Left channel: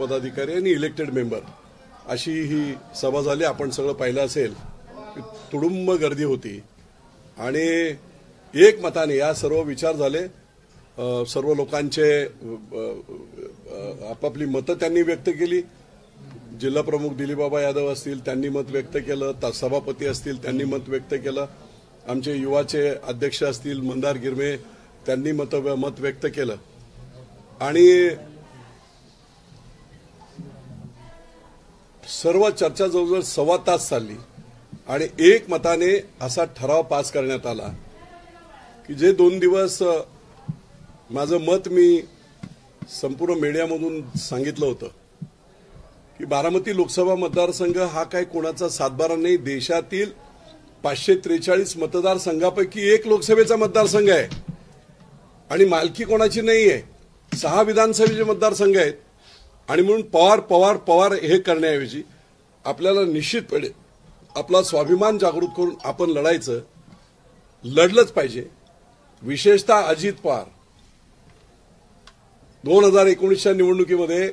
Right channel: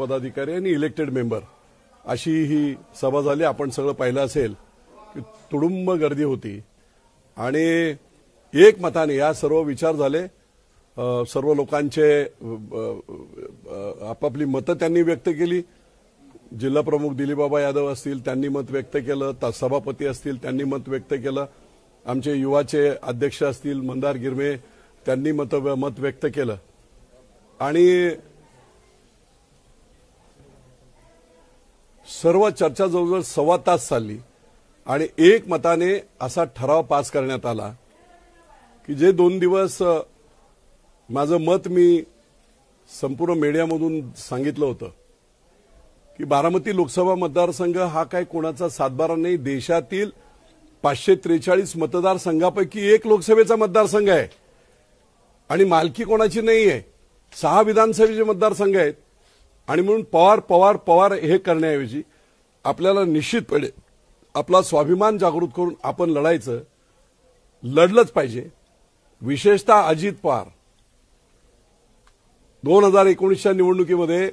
पदाधिकारी आणि elected member अशी ही सभा झाली. आपण सगळं पाहिलं असेल, तुडुंब गर्दी होती आणि एकमताने या सर्व विचार झाले. सर्व लोकांचे आपापली मतं त्यांनी व्यक्त केली. जिल्हा प्रमुख दिलीपबाबा यादव असतील त्यांनी मत व्यक्त केलं, सभापती असतील त्यांनी मत व्यक्त केलं, आमचे युवाचे अध्यक्ष असतील मंदार गिरमे त्यांनी मत व्यक्त केलं आणि सर्व चर्चा जवळजवळ सव्वा तास चालली आणि एकमताने असा ठराव पास करण्यात आला की जे 2 दिवस माझं मत मी संपूर्ण मीडियामधून सांगितलं होतं की बारामती लोकसभा मतदारसंघ हा काय कोणाचा सातबारा नाही. देशातील 543 मतदारसंघापैकी एक लोकसभेचा मतदारसंघ आहे आणि मालकी कोणाची नाहीये. 6 विधानसभेचे मतदारसंघ आहेत आणि म्हणून पवार हे करण्याऐवजी आपल्याला निश्चितपणे आपला स्वाभिमान जागृत करून आपण लढलंच पाहिजे. विशेषतः अजित पवार 2019च्या निवडणुकीमध्ये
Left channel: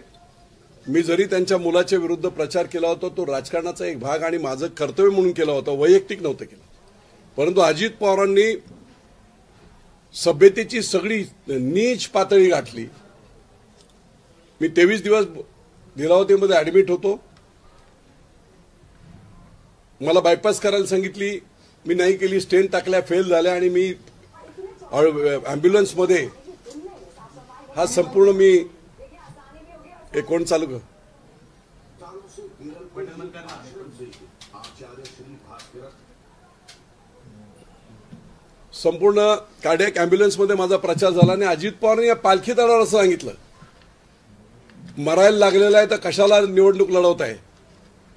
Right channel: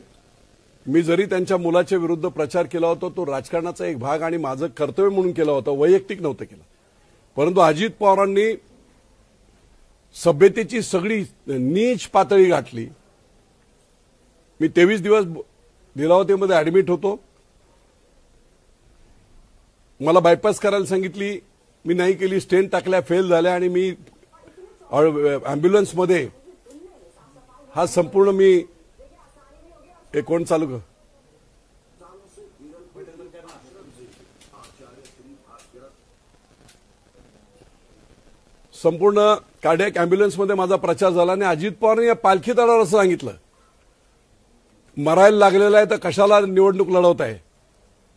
मी जरी त्यांच्या मुलाच्या विरुद्ध प्रचार केला होता तो राजकारणाचा एक भाग आणि माझं कर्तव्य म्हणून केला होता, वैयक्तिक नव्हतं केलं. परंतु अजित पवारांनी सभ्यतेची सगळी नीच पातळी गाठली. मी 23 दिवस लीलावतीमध्ये ऍडमिट होतो. मला बायपास करायला सांगितली, मी नाही केली. स्टेंट टाकल्या, फेल झाल्या आणि मी अँब्युलन्समध्ये हा संपूर्ण मी कोण चालू कर संपूर्ण कार्डियक अँब्युलन्समध्ये माझा प्रचार झाला आणि अजित पवारांनी या पालखी दरावर असं सांगितलं, मरायला लागलेला आहे तर कशाला निवडणूक लढवताय,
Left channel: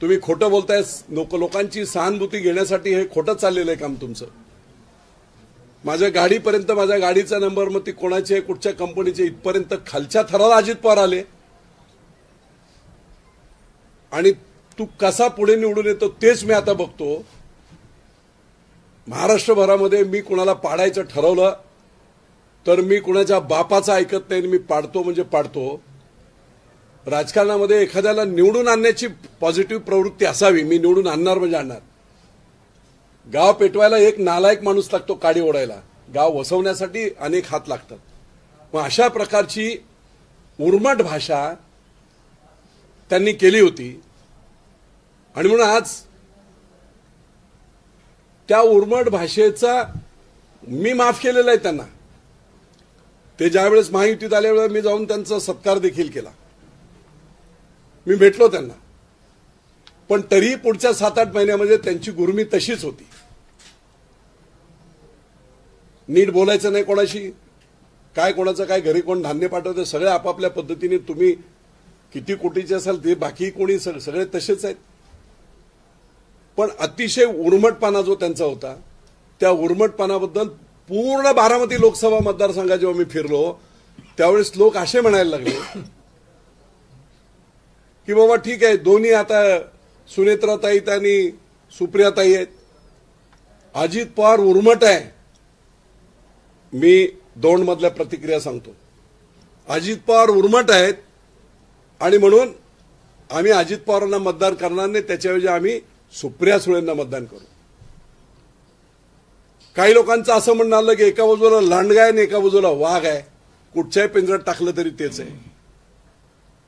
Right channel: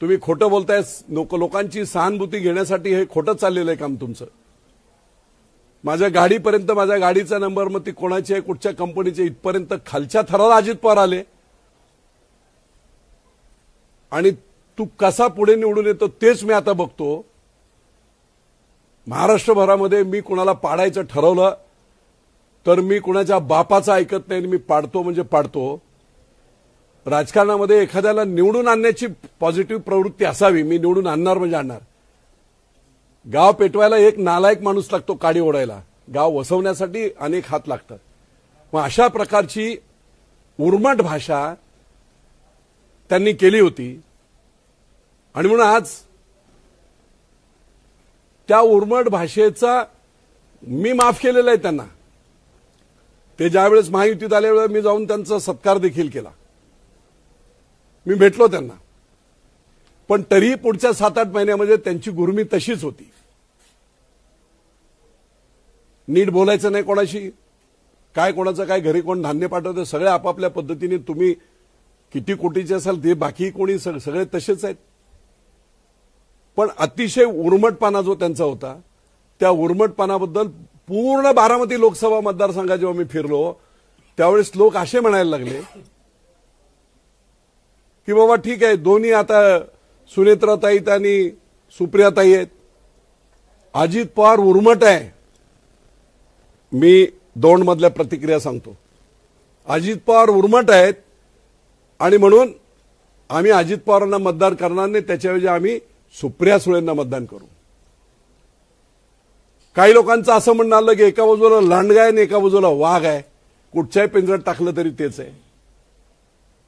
तुम्ही खोटं बोलताय, लोकांची सहानुभूती घेण्यासाठी हे खोटं चाललेलं आहे काम तुमचं. माझ्या गाडीपर्यंत, माझ्या गाडीचा नंबर मग ती कोणाची आहे, कुठच्या कंपनीची, इथपर्यंत खालच्या थराला अजित पवार आले आणि तू कसा पुढे निवडून येतो तेच मी आता बघतो. महाराष्ट्रभरामध्ये मी कुणाला पाडायचं ठरवलं तर मी कुणाच्या बापाचं ऐकत नाही, मी पाडतो म्हणजे पाडतो. राजकारणामध्ये एखाद्याला निवडून आणण्याची पॉझिटिव्ह प्रवृत्ती असावी. मी निवडून आणणार म्हणजे आणणार. गाव पेटवायला एक नालायक माणूस लागतो, काडी ओढायला. गाव वसवण्यासाठी अनेक हात लागतात. मग अशा प्रकारची उर्मट भाषा त्यांनी केली होती आणि म्हणून आज त्या उर्मट भाषेचा मी माफ केलेला आहे त्यांना. ते ज्यावेळेस महायुतीत आल्यावेळेस मी जाऊन त्यांचा सत्कार देखील केला, मी भेटलो त्यांना. पण तरीही पुढच्या 7-8 महिन्यामध्ये त्यांची गुरमी तशीच होती. नीट बोलायचं नाही कोणाशी, काय कोणाचं काय, घरी कोण धान्य पाठवते, सगळे आपापल्या पद्धतीने. तुम्ही किती कोटीचे असाल ते बाकी कोणी सगळे तसेच आहेत. पण अतिशय उर्मटपणा जो त्यांचा होता, त्या उर्मटपणाबद्दल पूर्ण बारामती लोकसभा मतदारसंघात जेव्हा मी फिरलो त्यावेळेस लोक असे म्हणायला लागले की बाबा ठीक आहे, दोन्ही आता सुनेत्राताई आणि सुप्रियाताई आहेत, अजित पवार उर्मट आहे. मी दौंडमधल्या प्रतिक्रिया सांगतो, अजित पवार उर्मट आहेत आणि म्हणून आम्ही अजित पवारांना मतदान करणार नाही, त्याच्याऐवजी आम्ही सुप्रिया सुळेंना मतदान करू. काही लोकांचं असं म्हणणं आलं की एका बाजूला लांडगा आहे आणि एका बाजूला वाघ आहे, कुठच्याही पिंजऱ्यात टाकलं तरी तेच आहे.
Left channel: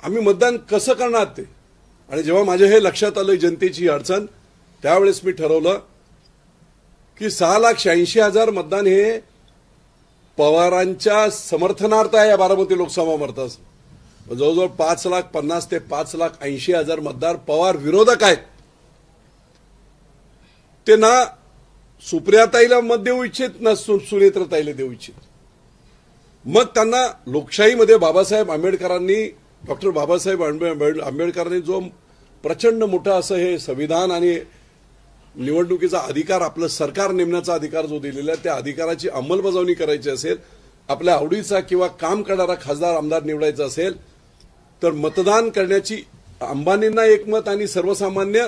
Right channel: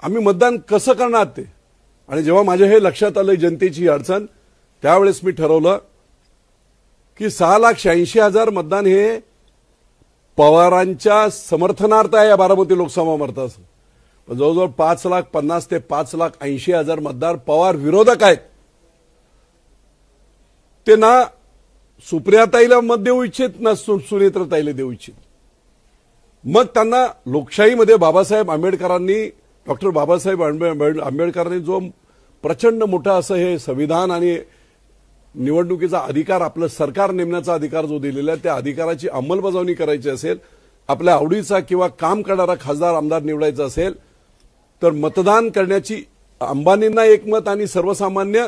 आम्ही मतदान कसं करणार ते? आणि जेव्हा माझ्या हे लक्षात आलं जनतेची अडचण, त्यावेळेस मी ठरवलं की 6,86,000 मतदान हे पवारांच्या समर्थनार्थ आहे. या बारामती लोकसभा मतदारसंघ जवळजवळ 5,50,000 ते 5,80,000 मतदार पवार विरोधक आहेत. ते ना सुप्रियाताईला मत देऊ इच्छित ना सुनेत्रताईला देऊ इच्छित. मग त्यांना लोकशाहीमध्ये बाबासाहेब आंबेडकरांनी, डॉक्टर बाबासाहेब आंबेडकरांनी जो प्रचंड मोठा असं हे संविधान आणि निवडणुकीचा अधिकार, आपलं सरकार नेमण्याचा अधिकार जो दिलेला आहे, त्या अधिकाराची अंमलबजावणी करायची असेल, आपल्या आवडीचा किंवा काम करणारा खासदार आमदार निवडायचा असेल तर मतदान करण्याची अंबानींना एक मत आणि सर्वसामान्य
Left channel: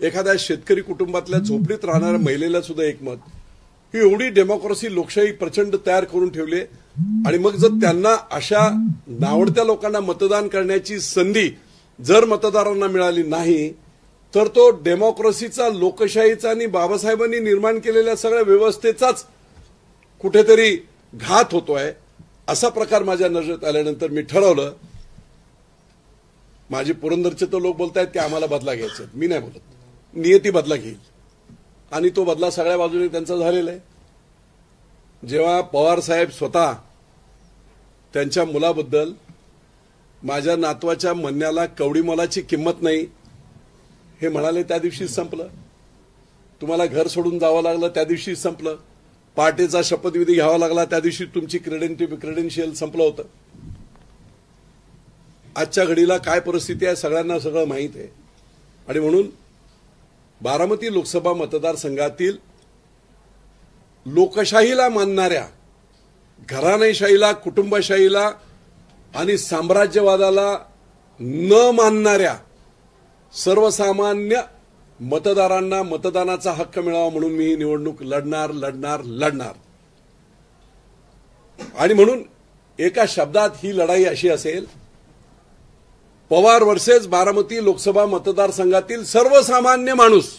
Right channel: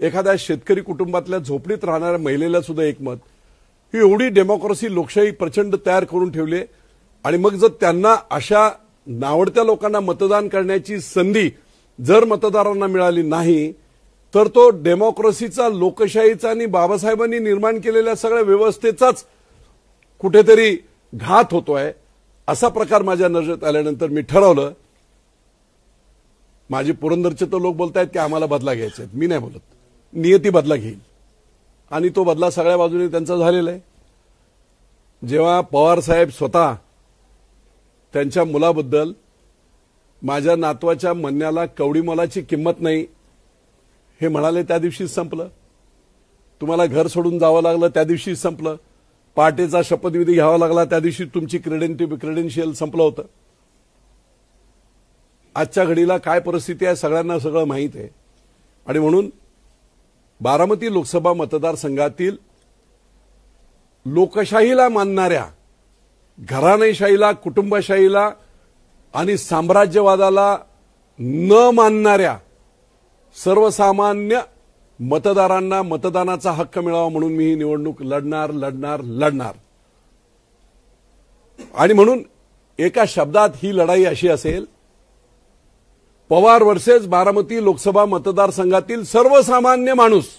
एखाद्या शेतकरी कुटुंबातल्या झोपडीत राहणाऱ्या महिलेला सुद्धा एक मत. ही एवढी डेमोक्रेसी लोकशाही प्रचंड तयार करून ठेवली. आणि मग जर त्यांना अशा नावडत्या लोकांना मतदान करण्याची संधी जर मतदारांना मिळाली नाही तर तो डेमोक्रेसीचा, लोकशाहीचा आणि बाबासाहेबांनी निर्माण केलेल्या सगळ्या व्यवस्थेचाच कुठेतरी घात होतोय. असा प्रकार माझ्या नजरेत आल्यानंतर मी ठरवलं, माझे पुरंदरचे तर लोक बोलतायत की आम्हाला बदला घ्यायचा आहे, मी नाही बोलत, नियती बदला घेईल आणि तो बदला सगळ्या बाजूने त्यांचा झालेला आहे. जेव्हा पवार साहेब स्वतः त्यांच्या मुलाबद्दल माझ्या नातवाच्या म्हणण्याला कवडी मोलाची किंमत नाही हे म्हणाले, त्या दिवशीच संपलं. तुम्हाला घर सोडून जावं लागलं त्या दिवशीच संपलं. पहाटेचा शपथविधी घ्यावा लागला त्या दिवशी तुमची क्रेडेन्शियल संपलं होतं. आजच्या घडीला काय परिस्थिती आहे सगळ्यांना सगळं माहीत आहे. आणि म्हणून बारामती लोकसभा मतदारसंघातील लोकशाहीला मानणाऱ्या, घराणेशाहीला, कुटुंबशाहीला आणि साम्राज्यवादाला न मानणाऱ्या सर्वसामान्य मतदारांना मतदानाचा हक्क मिळावा म्हणून मी ही निवडणूक लढणार. आणि म्हणून एका शब्दात ही लढाई अशी असेल, पवार वर्सेस बारामती लोकसभा मतदारसंघातील सर्वसामान्य माणूस.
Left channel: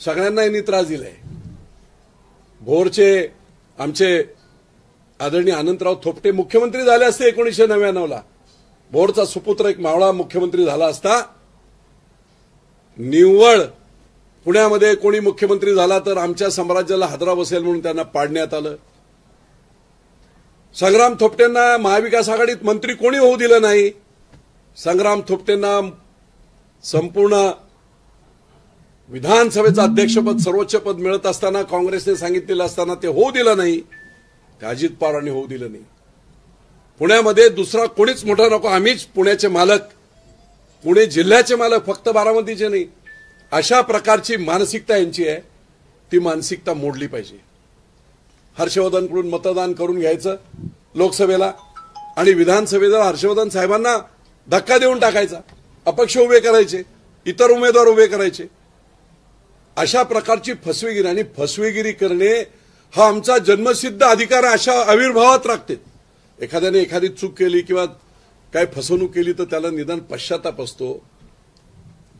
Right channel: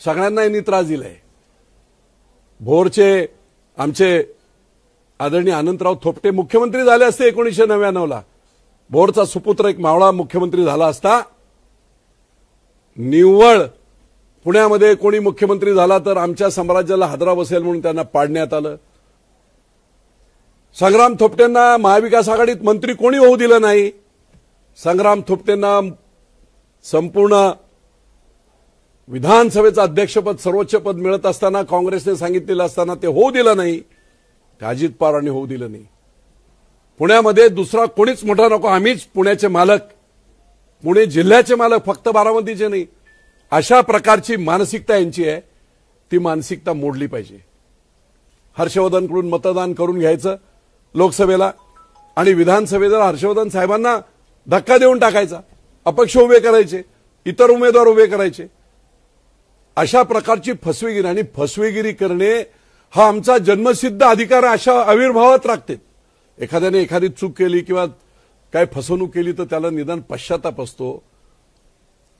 सगळ्यांना यांनी त्रास दिलाय. भोरचे आमचे आदरणीय अनंतराव थोपटे मुख्यमंत्री झाले असते 1999ला. भोरचा सुपुत्र एक मावळा मुख्यमंत्री झाला असता. निव्वळ पुण्यामध्ये कोणी मुख्यमंत्री झाला तर आमच्या साम्राज्याला हादरा बसेल म्हणून त्यांना पाडण्यात आलं. संग्राम थोपटेंना महाविकास आघाडीत मंत्री कोणी होऊ दिलं नाही. संग्राम थोपटेंना संपूर्ण विधानसभेचं अध्यक्षपद, सर्वोच्च पद मिळत असताना, काँग्रेसने सांगितलेलं असताना ते होऊ दिलं नाही. ते अजित पवारांनी होऊ दिलं नाही. पुण्यामध्ये दुसरा कोणीच मोठा नको, आम्हीच पुण्याचे मालक, पुणे जिल्ह्याचे मालक, फक्त बारामतीचे नाही. अशा प्रकारची मानसिकता यांची आहे. ती मानसिकता मोडली पाहिजे. हर्षवर्धनकडून मतदान करून घ्यायचं लोकसभेला आणि विधानसभेला हर्षवर्धन साहेबांना धक्का देऊन टाकायचा, अपक्ष उभे करायचे, इतर उमेदवार उभे करायचे. अशा प्रकारची फसवेगिरी आणि फसवेगिरी करणे हा आमचा जन्मसिद्ध अधिकार अशा आविर्भावात राखते. एखाद्याने एखादी चूक केली किंवा काय फसवणूक केली तर त्याला निदान पश्चाताप असतो.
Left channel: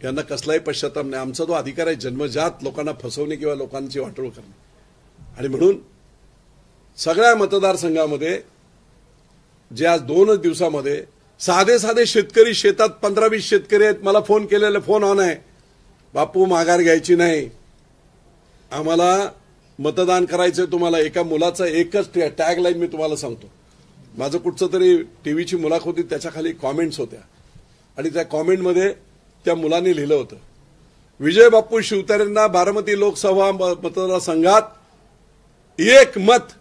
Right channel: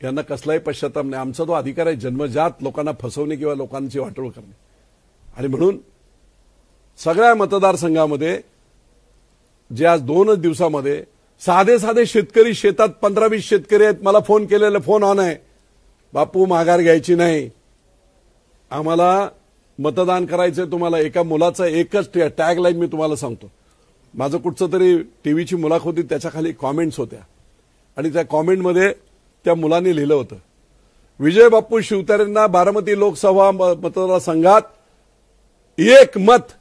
यांना कसलाही पश्चाताप नाही. आमचा तो अधिकार आहे जन्मजात लोकांना फसवणे किंवा लोकांची वाटोळ करणे. आणि म्हणून सगळ्या मतदारसंघामध्ये जे आज 2 दिवसामध्ये साधे शेतकरी, शेतात 15-20 शेतकरी आहेत, मला फोन केलेला फोन ऑन आहे, बापू माघार घ्यायची नाही, आम्हाला मतदान करायचंय. तुम्हाला एका मुलाचा एकच टॅग लाईन मी तुम्हाला सांगतो. माझं कुठचं तरी टीव्हीची मुलाखत होती, त्याच्या खाली कॉमेंट्स होत्या आणि त्या कॉमेंटमध्ये त्या मुलांनी लिहिलं होतं, विजय बापू शिवतारेंना बारामती लोकसभा मतदारसंघात 1 मत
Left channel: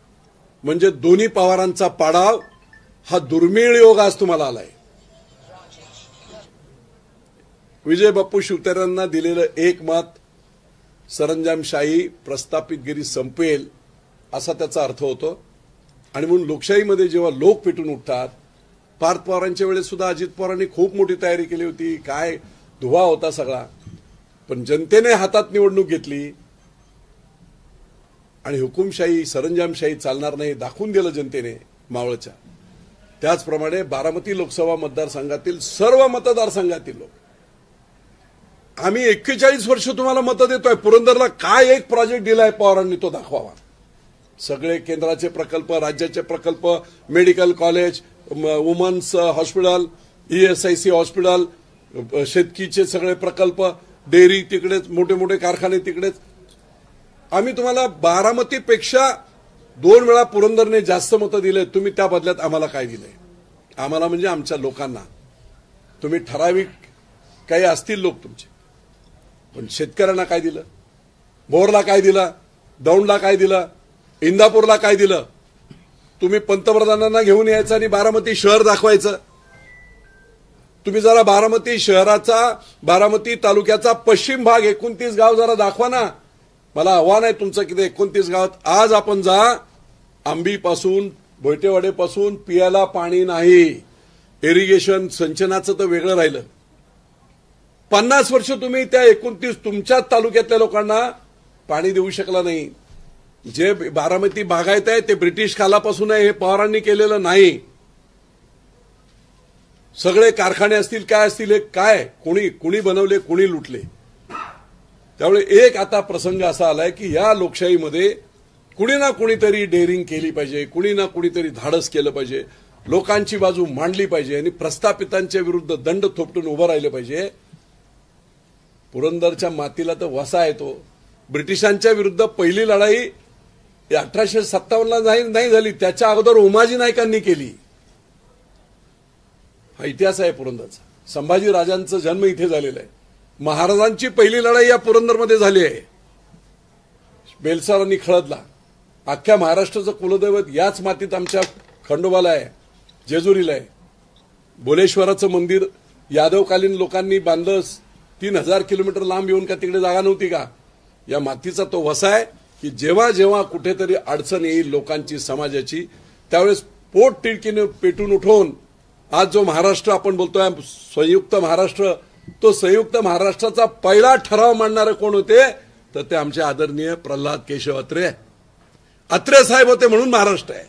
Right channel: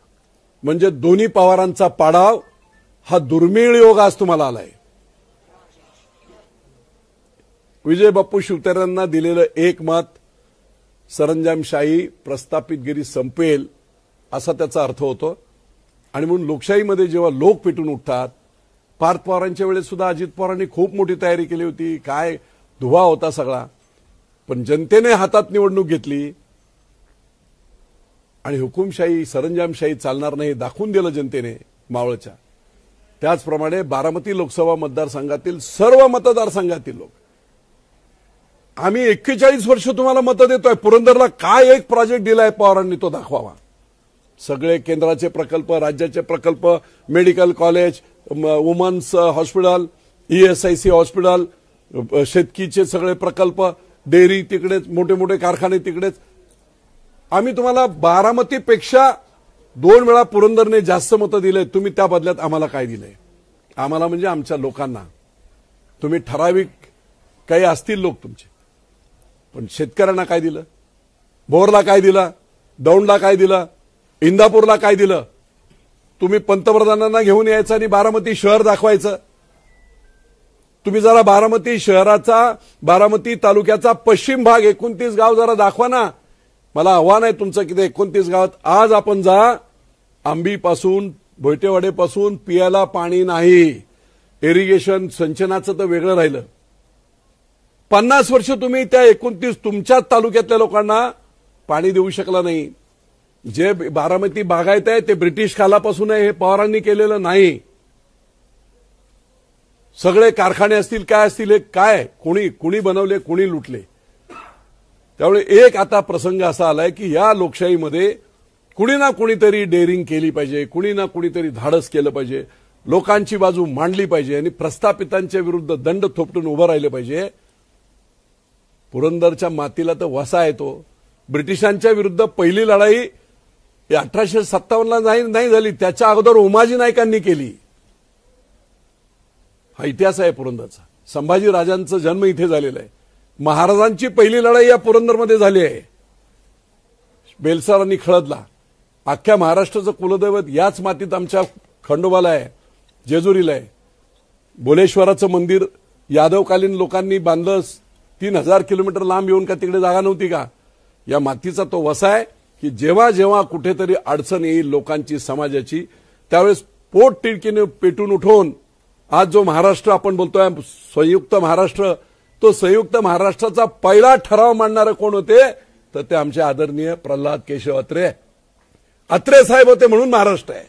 म्हणजे दोन्ही पवारांचा पाडाव हा दुर्मिळ योग आज तुम्हाला आलाय. विजय बापू शिवतारेंना दिलेलं 1 मत सरंजामशाही, प्रस्थापितगिरी संपेल असा त्याचा अर्थ होतो. आणि म्हणून लोकशाहीमध्ये जेव्हा लोक पेटून उठतात, पार्थ पवारांच्या वेळेस सुद्धा अजित पवारांनी खूप मोठी तयारी केली होती, काय धुवा होता सगळा, पण जनतेने हातात निवडणूक घेतली आणि हुकुमशाही, सरंजामशाही चालणार नाही दाखवून दिलं जनतेने मावळच्या. त्याचप्रमाणे बारामती लोकसभा मतदारसंघातील सर्व मतदारसंघातील लोक, आम्ही 41 वर्ष तुम्हाला मतं देतोय. पुरंदरला काय एक प्रोजेक्ट दिलाय पवारांनी तो दाखवावा. सगळे केंद्राचे प्रकल्प, राज्याचे प्रकल्प, medical college, women's hospital, ESIC hospital, शेतकीचे सगळे प्रकल्प, डेअरी तिकडेच, मोठे मोठे कारखाने तिकडेच. आम्ही तुम्हाला बारामतीपेक्षा 2 वेळा पुरंदरने जास्त मतं दिले. तुम्ही त्या बदल्यात आम्हाला काय दिलंय? आम्हाला म्हणजे आमच्या लोकांना. तुम्ही ठराविक काही असतील लोक तुमचे, पण शेतकऱ्यांना काय दिलं? भोरला काय दिलं? दौंडला काय दिलं? इंदापूरला काय दिलं? तुम्ही पंतप्रधानांना घेऊन यायचं आणि बारामती शहर दाखवायचं. तुम्ही जरा बारामती शहराचा, बारामती तालुक्याचा पश्चिम भाग 29 गाव जरा दाखवा ना. मला आव्हान आहे तुमचं की 29 गावात आज आपण जा. आंबीपासून, भोयटेवाडेपासून पियाला पाणी नाही. इरिगेशन सिंचनाचं तर वेगळं राहिलं. 50 वर्ष तुम्ही त्या 29 तुमच्याच तालुक्यातल्या लोकांना पाणी देऊ शकला नाही. जे बारामती बागायत आहे ते ब्रिटिश कालापासून आहे, हे पवारांनी केलेलं नाही. सगळे कारखाने असतील काय असतील हे काय कोणी बनवले कोणी लुटले. त्यामुळे एक आता प्रसंग असा आलाय की या लोकशाहीमध्ये कुणी ना कुणीतरी डेअरिंग केली पाहिजे, कुणी ना कुणीतरी धाडस केलं पाहिजे, लोकांची बाजू मांडली पाहिजे आणि प्रस्थापितांच्या विरुद्ध दंड थोपटून उभं राहिलं पाहिजे. पुरंदरच्या मातीला तर वसा येतो. ब्रिटिशांच्या विरुद्ध पहिली लढाई 1857ला नाही झाली, त्याच्या अगोदर उमाजी नाईकांनी केली. हा इतिहास आहे पुरंदरचा. संभाजी राजांचा जन्म इथे झालेला आहे. महाराजांची पहिली लढाई या पुरंदरमध्ये झाली आहे. बेलसरांनी खळदला. अख्ख्या महाराष्ट्राचं कुलदैवत याच मातीत आमच्या खंडोबाला आहे, जेजुरीला आहे. बोलेश्वराचं मंदिर यादवकालीन लोकांनी बांधलं. 3000 किलोमीटर लांब येऊन का तिकडे जागा नव्हती का? या मातीचा तो वसा आहे की जेव्हा जेव्हा कुठेतरी अडचण येईल लोकांची समाजाची त्यावेळेस पोट तिडकीने पेटून उठवून आज जो महाराष्ट्र आपण बोलतोय संयुक्त महाराष्ट्र, तो संयुक्त महाराष्ट्राचा पहिला ठराव मांडणारे कोण होते तर ते आमचे आदरणीय प्रल्हाद केशव अत्रे साहेब होते. म्हणून महाराष्ट्र आहे.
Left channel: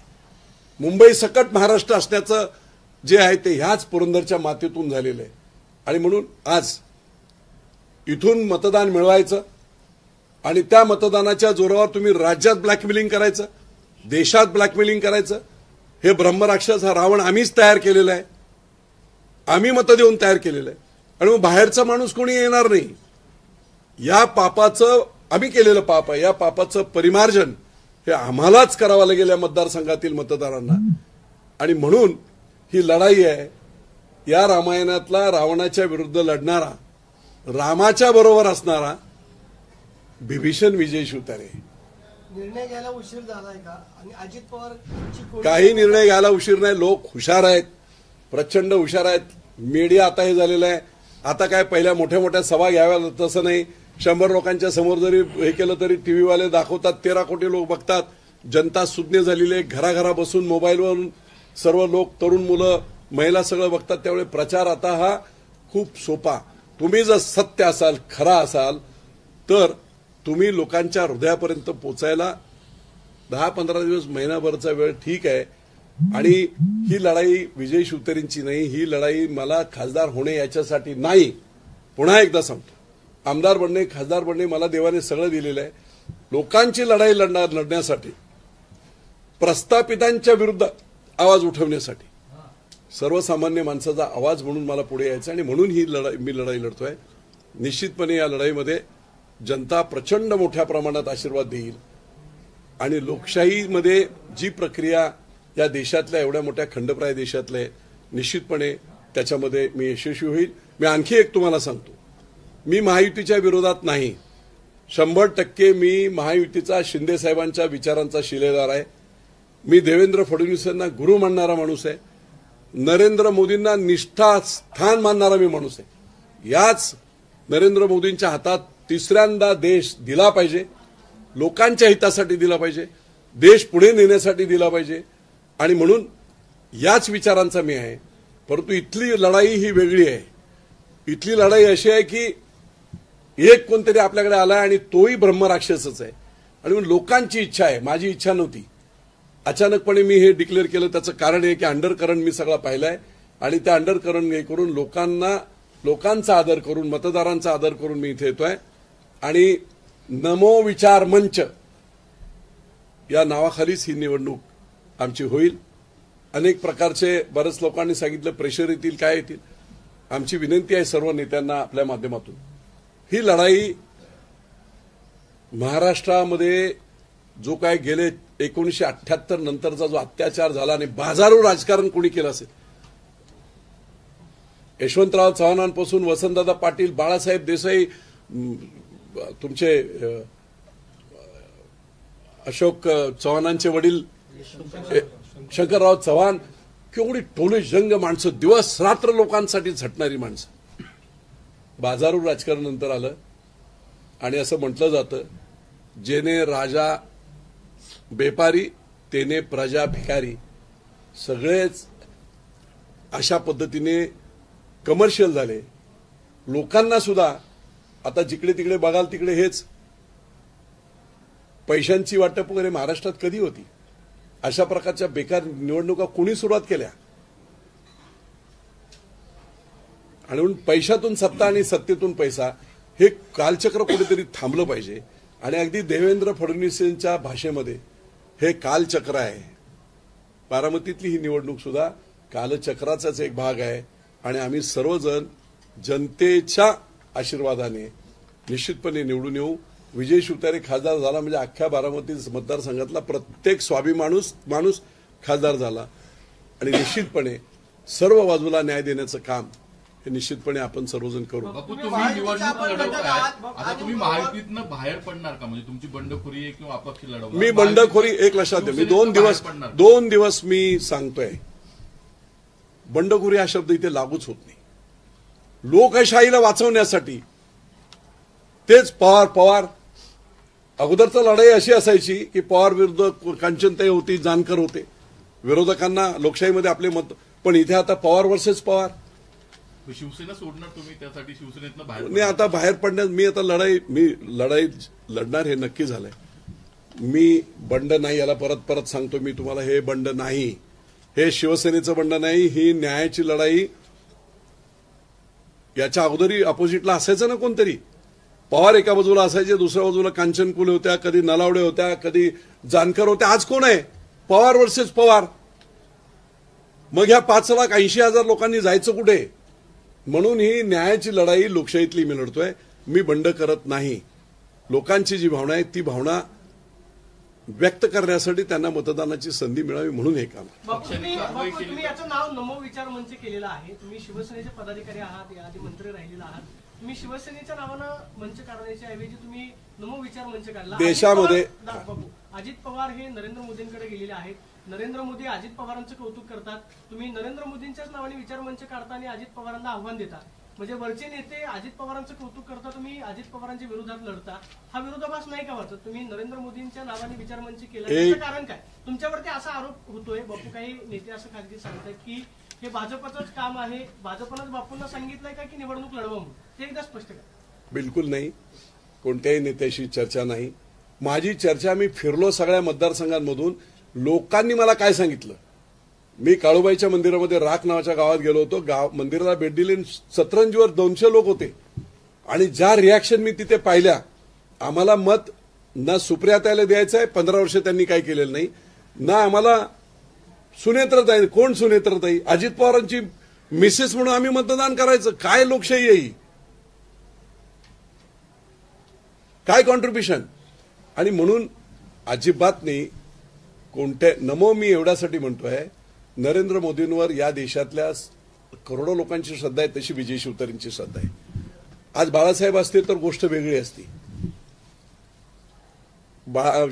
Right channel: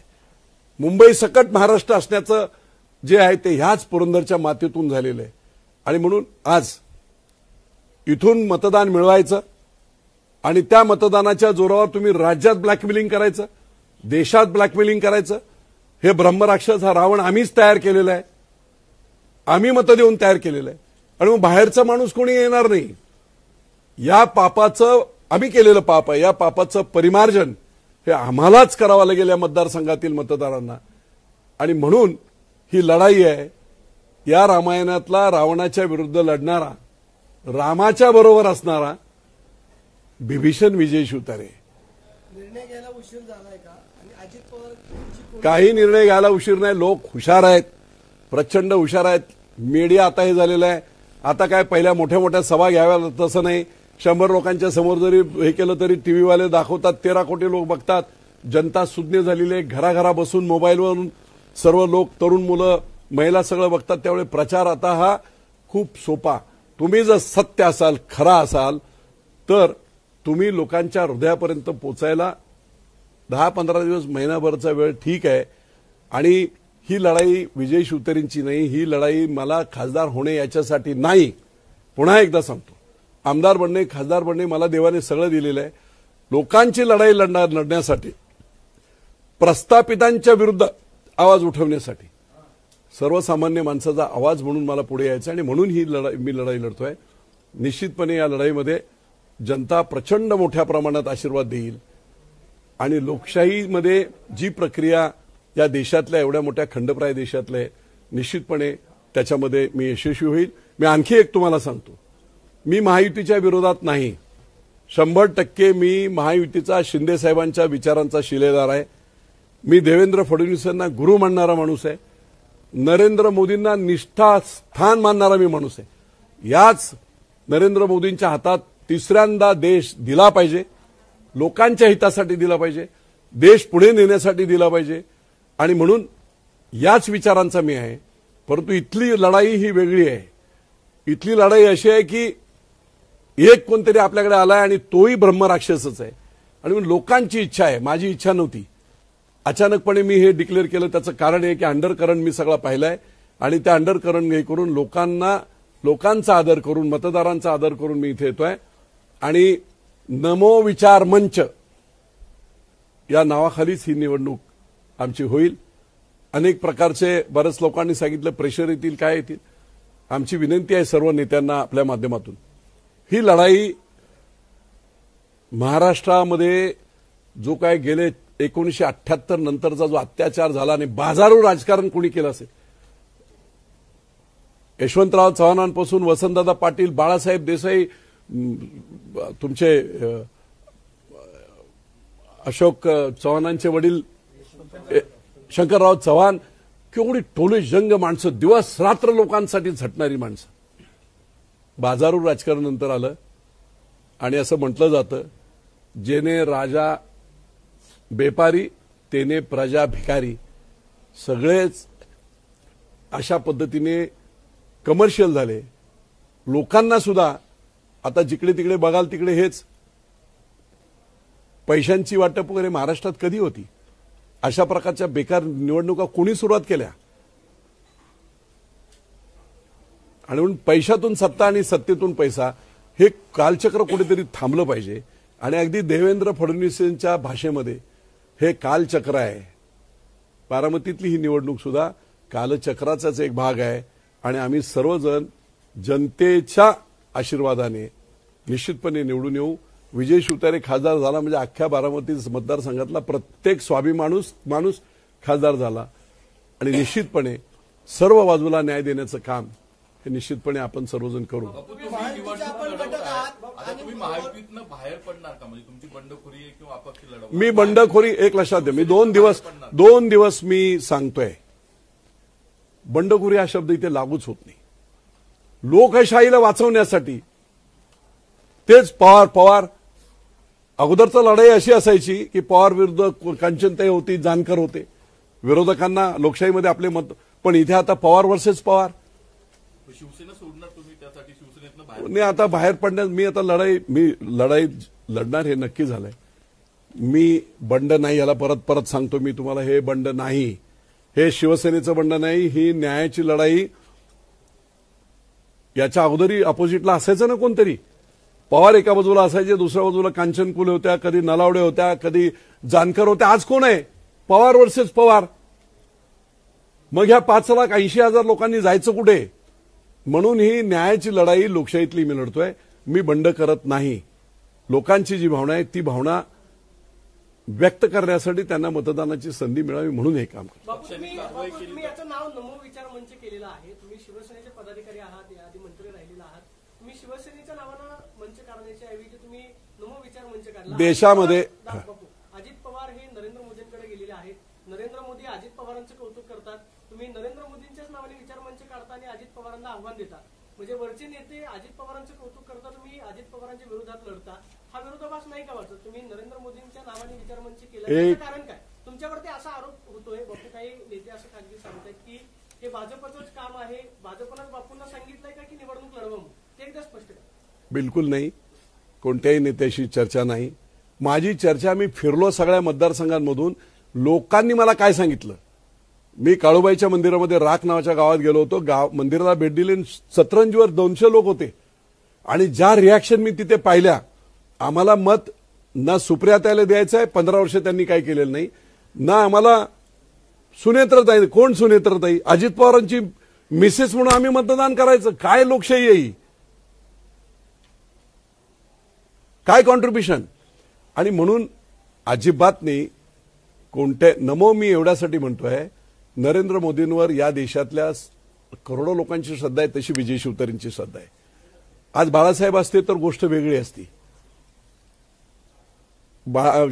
मुंबई सकट महाराष्ट्र असण्याचं जे आहे ते ह्याच पुरंदरच्या मातीतून झालेलं आहे. आणि म्हणून आज इथून मतदान मिळवायचं आणि त्या मतदानाच्या जोरावर तुम्ही राज्यात ब्लॅकमेलिंग करायचं, देशात ब्लॅकमेलिंग करायचं, हे ब्रह्मराक्षस हा रावण आम्हीच तयार केलेला आहे. आम्ही मतं देऊन तयार केलेलं आहे. आणि मग बाहेरचा माणूस कोणी येणार नाही. या पापाचं आम्ही केलेलं पाप आहे, या पापाचं परिमार्जन हे आम्हालाच करावं लागेल या मतदारसंघातील मतदारांना. आणि म्हणून ही लढाई आहे. या रामायणातला रावणाच्या विरुद्ध लढणारा, रामाच्या बरोबर असणारा बिभीषण विजय शिवतारे. निर्णय घ्यायला उशीर झालाय का? आणि अजित पवार काही निर्णय घ्यायला उशीर नाही. लोक हुशार आहेत, प्रचंड हुशार आहेत. मीडिया आता हे झालेलं आहे. आता काय पहिल्या मोठ्या मोठ्या सभा घ्याव्या तसं नाही. 100 लोकांच्या समोर जरी हे केलं तरी टीव्हीवाले दाखवतात, 13 कोटी लोक बघतात. जनता सुज्ञ झालेली आहे. घराघरा बसून मोबाईलवरून सर्व लोक, तरुण मुलं, महिला सगळं बघतात. त्यामुळे प्रचार आता हा खूप सोपा. तुम्ही जर सत्य असाल, खरा असाल तर तुम्ही लोकांच्या हृदयापर्यंत पोचायला 10-15 दिवस, महिनाभरचा वेळ ठीक आहे. आणि ही लढाई विजय शिवतारेंची नाही, ही लढाई मला खासदार होणे याच्यासाठी नाही. पुन्हा एकदा सांगतो, आमदार बनणे, खासदार बनणे मला देवाने सगळं दिलेलं आहे. लोकांची लढाई लढण्यासाठी, प्रस्थापितांच्या विरुद्ध आवाज उठवण्यासाठी, सर्वसामान्य माणसाचा आवाज म्हणून मला पुढे यायचं. आणि म्हणून ही मी लढाई लढतोय. निश्चितपणे या लढाईमध्ये जनता प्रचंड मोठ्या प्रमाणात आशीर्वाद देईल. आणि लोकशाहीमध्ये जी प्रक्रिया या देशातल्या, एवढ्या मोठ्या खंडप्राय देशातल्या, निश्चितपणे त्याच्यामध्ये मी यशस्वी होईल. मी आणखी एक तुम्हाला सांगतो, मी महायुतीच्या विरोधात नाही. 100% मी महायुतीचा, शिंदे साहेबांच्या विचारांचा शिलेदार आहे. मी देवेंद्र फडणवीसांना गुरु मानणारा माणूस आहे. नरेंद्र मोदींना निष्ठास्थान मानणारा मी माणूस आहे. याच नरेंद्र मोदींच्या हातात तिसऱ्यांदा देश दिला पाहिजे, लोकांच्या हितासाठी दिला पाहिजे, देश पुढे नेण्यासाठी दिला पाहिजे. आणि म्हणून याच विचारांचा मी आहे. परंतु इथली लढाई ही वेगळी आहे. इथली लढाई अशी आहे की एक कोणतरी आपल्याकडे आलाय आणि तोही ब्रह्मराक्षसच आहे. आणि लोकांची इच्छा आहे, माझी इच्छा नव्हती. अचानकपणे मी हे डिक्लेअर केलं. त्याचं कारण आहे की अंडरकरंट मी सगळा पाहिलाय. आणि त्या अंडरकरंट हे करून लोकांचा आदर करून, मतदारांचा आदर करून मी इथे येतोय. आणि नमो विचार मंच या नावाखालीच ही निवडणूक आमची होईल. अनेक प्रकारचे, बरेच लोकांनी सांगितलं प्रेशर येतील, काय येतील. आमची विनंती आहे सर्व नेत्यांना आपल्या माध्यमातून, ही लढाई महाराष्ट्रामध्ये जो काय गेले 1978 नंतरचा जो अत्याचार झाला आणि बाजारू राजकारण कोणी केलं असेल, यशवंतराव चव्हाणांपासून वसंतदादा पाटील, बाळासाहेब देसाई, तुमचे अशोक चव्हाणांचे वडील शंकरराव चव्हाण, केवढी टोले जंग माणसं, दिवस रात्र लोकांसाठी झटणारी माणसं. बाजारू राजकारण नंतर आलं. आणि असं म्हटलं जातं, जेने राजा बेपारी तेने प्रजा भिकारी. सगळेच अशा पद्धतीने कमर्शियल झाले. लोकांना सुद्धा आता जिकडे तिकडे बघाल तिकडे हेच पैशांची वाटप वगैरे महाराष्ट्रात कधी होती? अशा प्रकारच्या बेकार निवडणुका कोणी सुरुवात केल्या? आणि म्हणून पैशातून सत्ता आणि सत्तेतून पैसा हे कालचक्र कुठेतरी थांबलं पाहिजे. आणि अगदी देवेंद्र फडणवीसांच्या भाषेमध्ये हे कालचक्र आहे. बारामतीतली ही निवडणूक सुद्धा कालचक्राचाच एक भाग आहे. आणि आम्ही सर्वजण जनतेच्या आशीर्वादाने निश्चितपणे निवडून येऊ. विजय शिवतारे खासदार झाला म्हणजे अख्ख्या बारामती मतदारसंघातला प्रत्येक स्वाभिमानी माणूस खासदार झाला. आणि निश्चितपणे सर्व बाजूला न्याय देण्याचं काम हे निश्चितपणे आपण सर्वजण करू. तुम्ही महायुतीतनं बाहेर पडणार का? म्हणजे तुमची बंडखोरी आहे किंवा अपक्ष लढवणार? मी बंडखोरी एक लक्षात द्या. मी 2 दिवस मी सांगतोय बंडखोरी हा शब्द इथे लागूच होत नाही. लोकशाहीला वाचवण्यासाठी तेच पवार अगोदरचा लढाई अशी असायची की पवार विरुद्ध कांचनताई होती, जानकर होते, विरोधकांना लोकशाहीमध्ये आपले मत. पण इथे आता पवार वर्सेस पवार. शिवसेना सोडणार तुम्ही? त्यासाठी शिवसेनेतनं बाहेर मी आता बाहेर पडण्यात मी आता लढाई लढणार हे नक्की झालंय. मी बंड नाही, याला परत सांगतो मी तुम्हाला, हे बंड नाही, हे शिवसेनेचं बंड नाही, ही न्यायाची लढाई. याच्या अगोदरी अपोजिटला असायचं ना कोणतरी. पवार एका बाजूला असायचे, दुसऱ्या बाजूला कांचनकुले होत्या, कधी नलावडे होत्या, कधी जानकर होत्या. आज कोण आहे? पवार वर्सेस पवार. मग ह्या 5,80,000 लोकांनी जायचं कुठे? म्हणून ही न्यायाची लढाई लोकशाहीतली मी लढतोय. मी बंड करत नाही. लोकांची जी भावना आहे ती भावना व्यक्त करण्यासाठी त्यांना मतदानाची संधी मिळावी म्हणून हे काम. तुम्ही याचं नाव नमो विचार मंच केलेलं आहे. तुम्ही शिवसेनेचे पदाधिकारी आहात, याआधी मंत्री राहिलेला आहात. तुम्ही शिवसेनेच्या नावानं मंच काढण्याच्या ऐवजी तुम्ही नमो विचार मंच काढला. देशामध्ये अजित पवार हे नरेंद्र मोदींकडे गेलेले आहेत. नरेंद्र मोदी अजित पवारांचं कौतुक करतात. तुम्ही नरेंद्र मोदींच्याच नावाने विचार मंच काढता आणि अजित पवारांना आव्हान देता. म्हणजे वरचे नेते अजित पवारांचं कौतुक करता, तुम्ही अजित पवारांच्या विरोधात लढता. हा विरोधाभास नाही का वाटत? तुम्ही नरेंद्र मोदींच्या नावाने विचार मंच केला, याचं कारण काय? तुमच्यावरती असा आरोप होतोय, बापू काही नेते असं खासगी सांगतायत की हे भाजपचंच काम आहे, भाजपनंच बापूंना सांगितलंय का की निवडणूक लढवा म्हणून? ते एकदा स्पष्ट करा. बिलकुल नाही, कोणत्याही नेत्याशी चर्चा नाही. माझी चर्चा, मी फिरलो सगळ्या मतदारसंघांमधून, लोकांनी मला काय सांगितलं. मी काळूबाईच्या मंदिरामध्ये राख नावाच्या गावात गेलो होतो. मंदिराला भेट दिली, सतरंजीवर 200 लोक होते. आणि ज्या रिॲक्शन मी तिथे पाहिल्या, आम्हाला मत ना सुप्रियाताईला द्यायचं आहे, 15 वर्ष त्यांनी काही केलेलं नाही, ना आम्हाला सुनेत्रताई. कोण सुनेत्रताई? अजित पवारांची मिसेस म्हणून आम्ही मतदान करायचं? काय लोकशाही आहे ही? काय कॉन्ट्रीब्युशन? आणि म्हणून अजिबात नाही कोणत्या. नमो मी एवढ्यासाठी म्हणतोय, नरेंद्र मोदींवर या देशातल्या करोडो लोकांची श्रद्धा आहे, तशी विजय शिवतारेंची श्रद्धा आहे. आज बाळासाहेब असते तर गोष्ट वेगळी असती.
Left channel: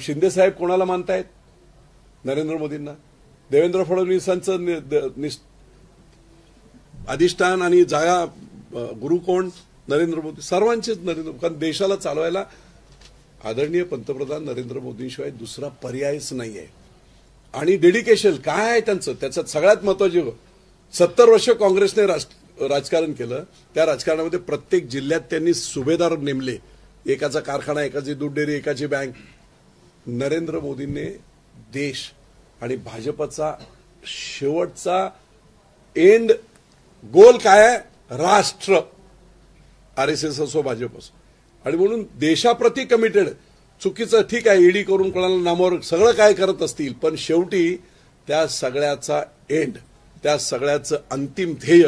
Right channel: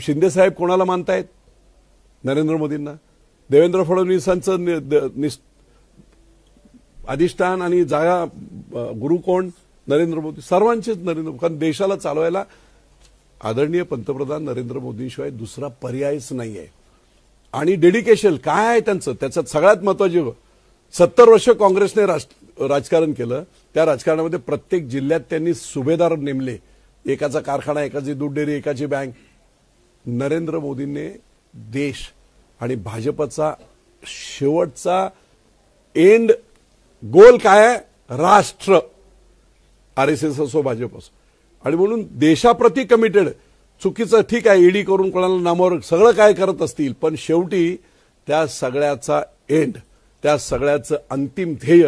शिंदे साहेब कोणाला मानतायत? नरेंद्र मोदींना. देवेंद्र फडणवीसांचं अधिष्ठान आणि जागा गुरु कोण? नरेंद्र मोदी. सर्वांचेच नरेंद्र. कारण देशाला चालवायला आदरणीय पंतप्रधान नरेंद्र मोदींशिवाय दुसरा पर्यायच नाहीये. आणि डेडिकेशन काय आहे त्यांचं? त्याच्यात सगळ्यात महत्वाची, 70 वर्ष काँग्रेसने राजकारण केलं. त्या राजकारणामध्ये प्रत्येक जिल्ह्यात त्यांनी सुभेदार नेमले. एकाचा कारखाना, एकाची दूध डेअरी, एकाची बँक. नरेंद्र मोदींनी देश आणि भाजपचा शेवटचा एंड गोल काय आहे? राष्ट्र. आरएसएस असो, भाजप असो. आणि म्हणून देशाप्रती कमिटेड. चुकीचं ठीक आहे, ईडी करून कोणाला नामावर सगळं काय करत असतील, पण शेवटी त्या सगळ्याचा एंड, त्या सगळ्याचं अंतिम ध्येय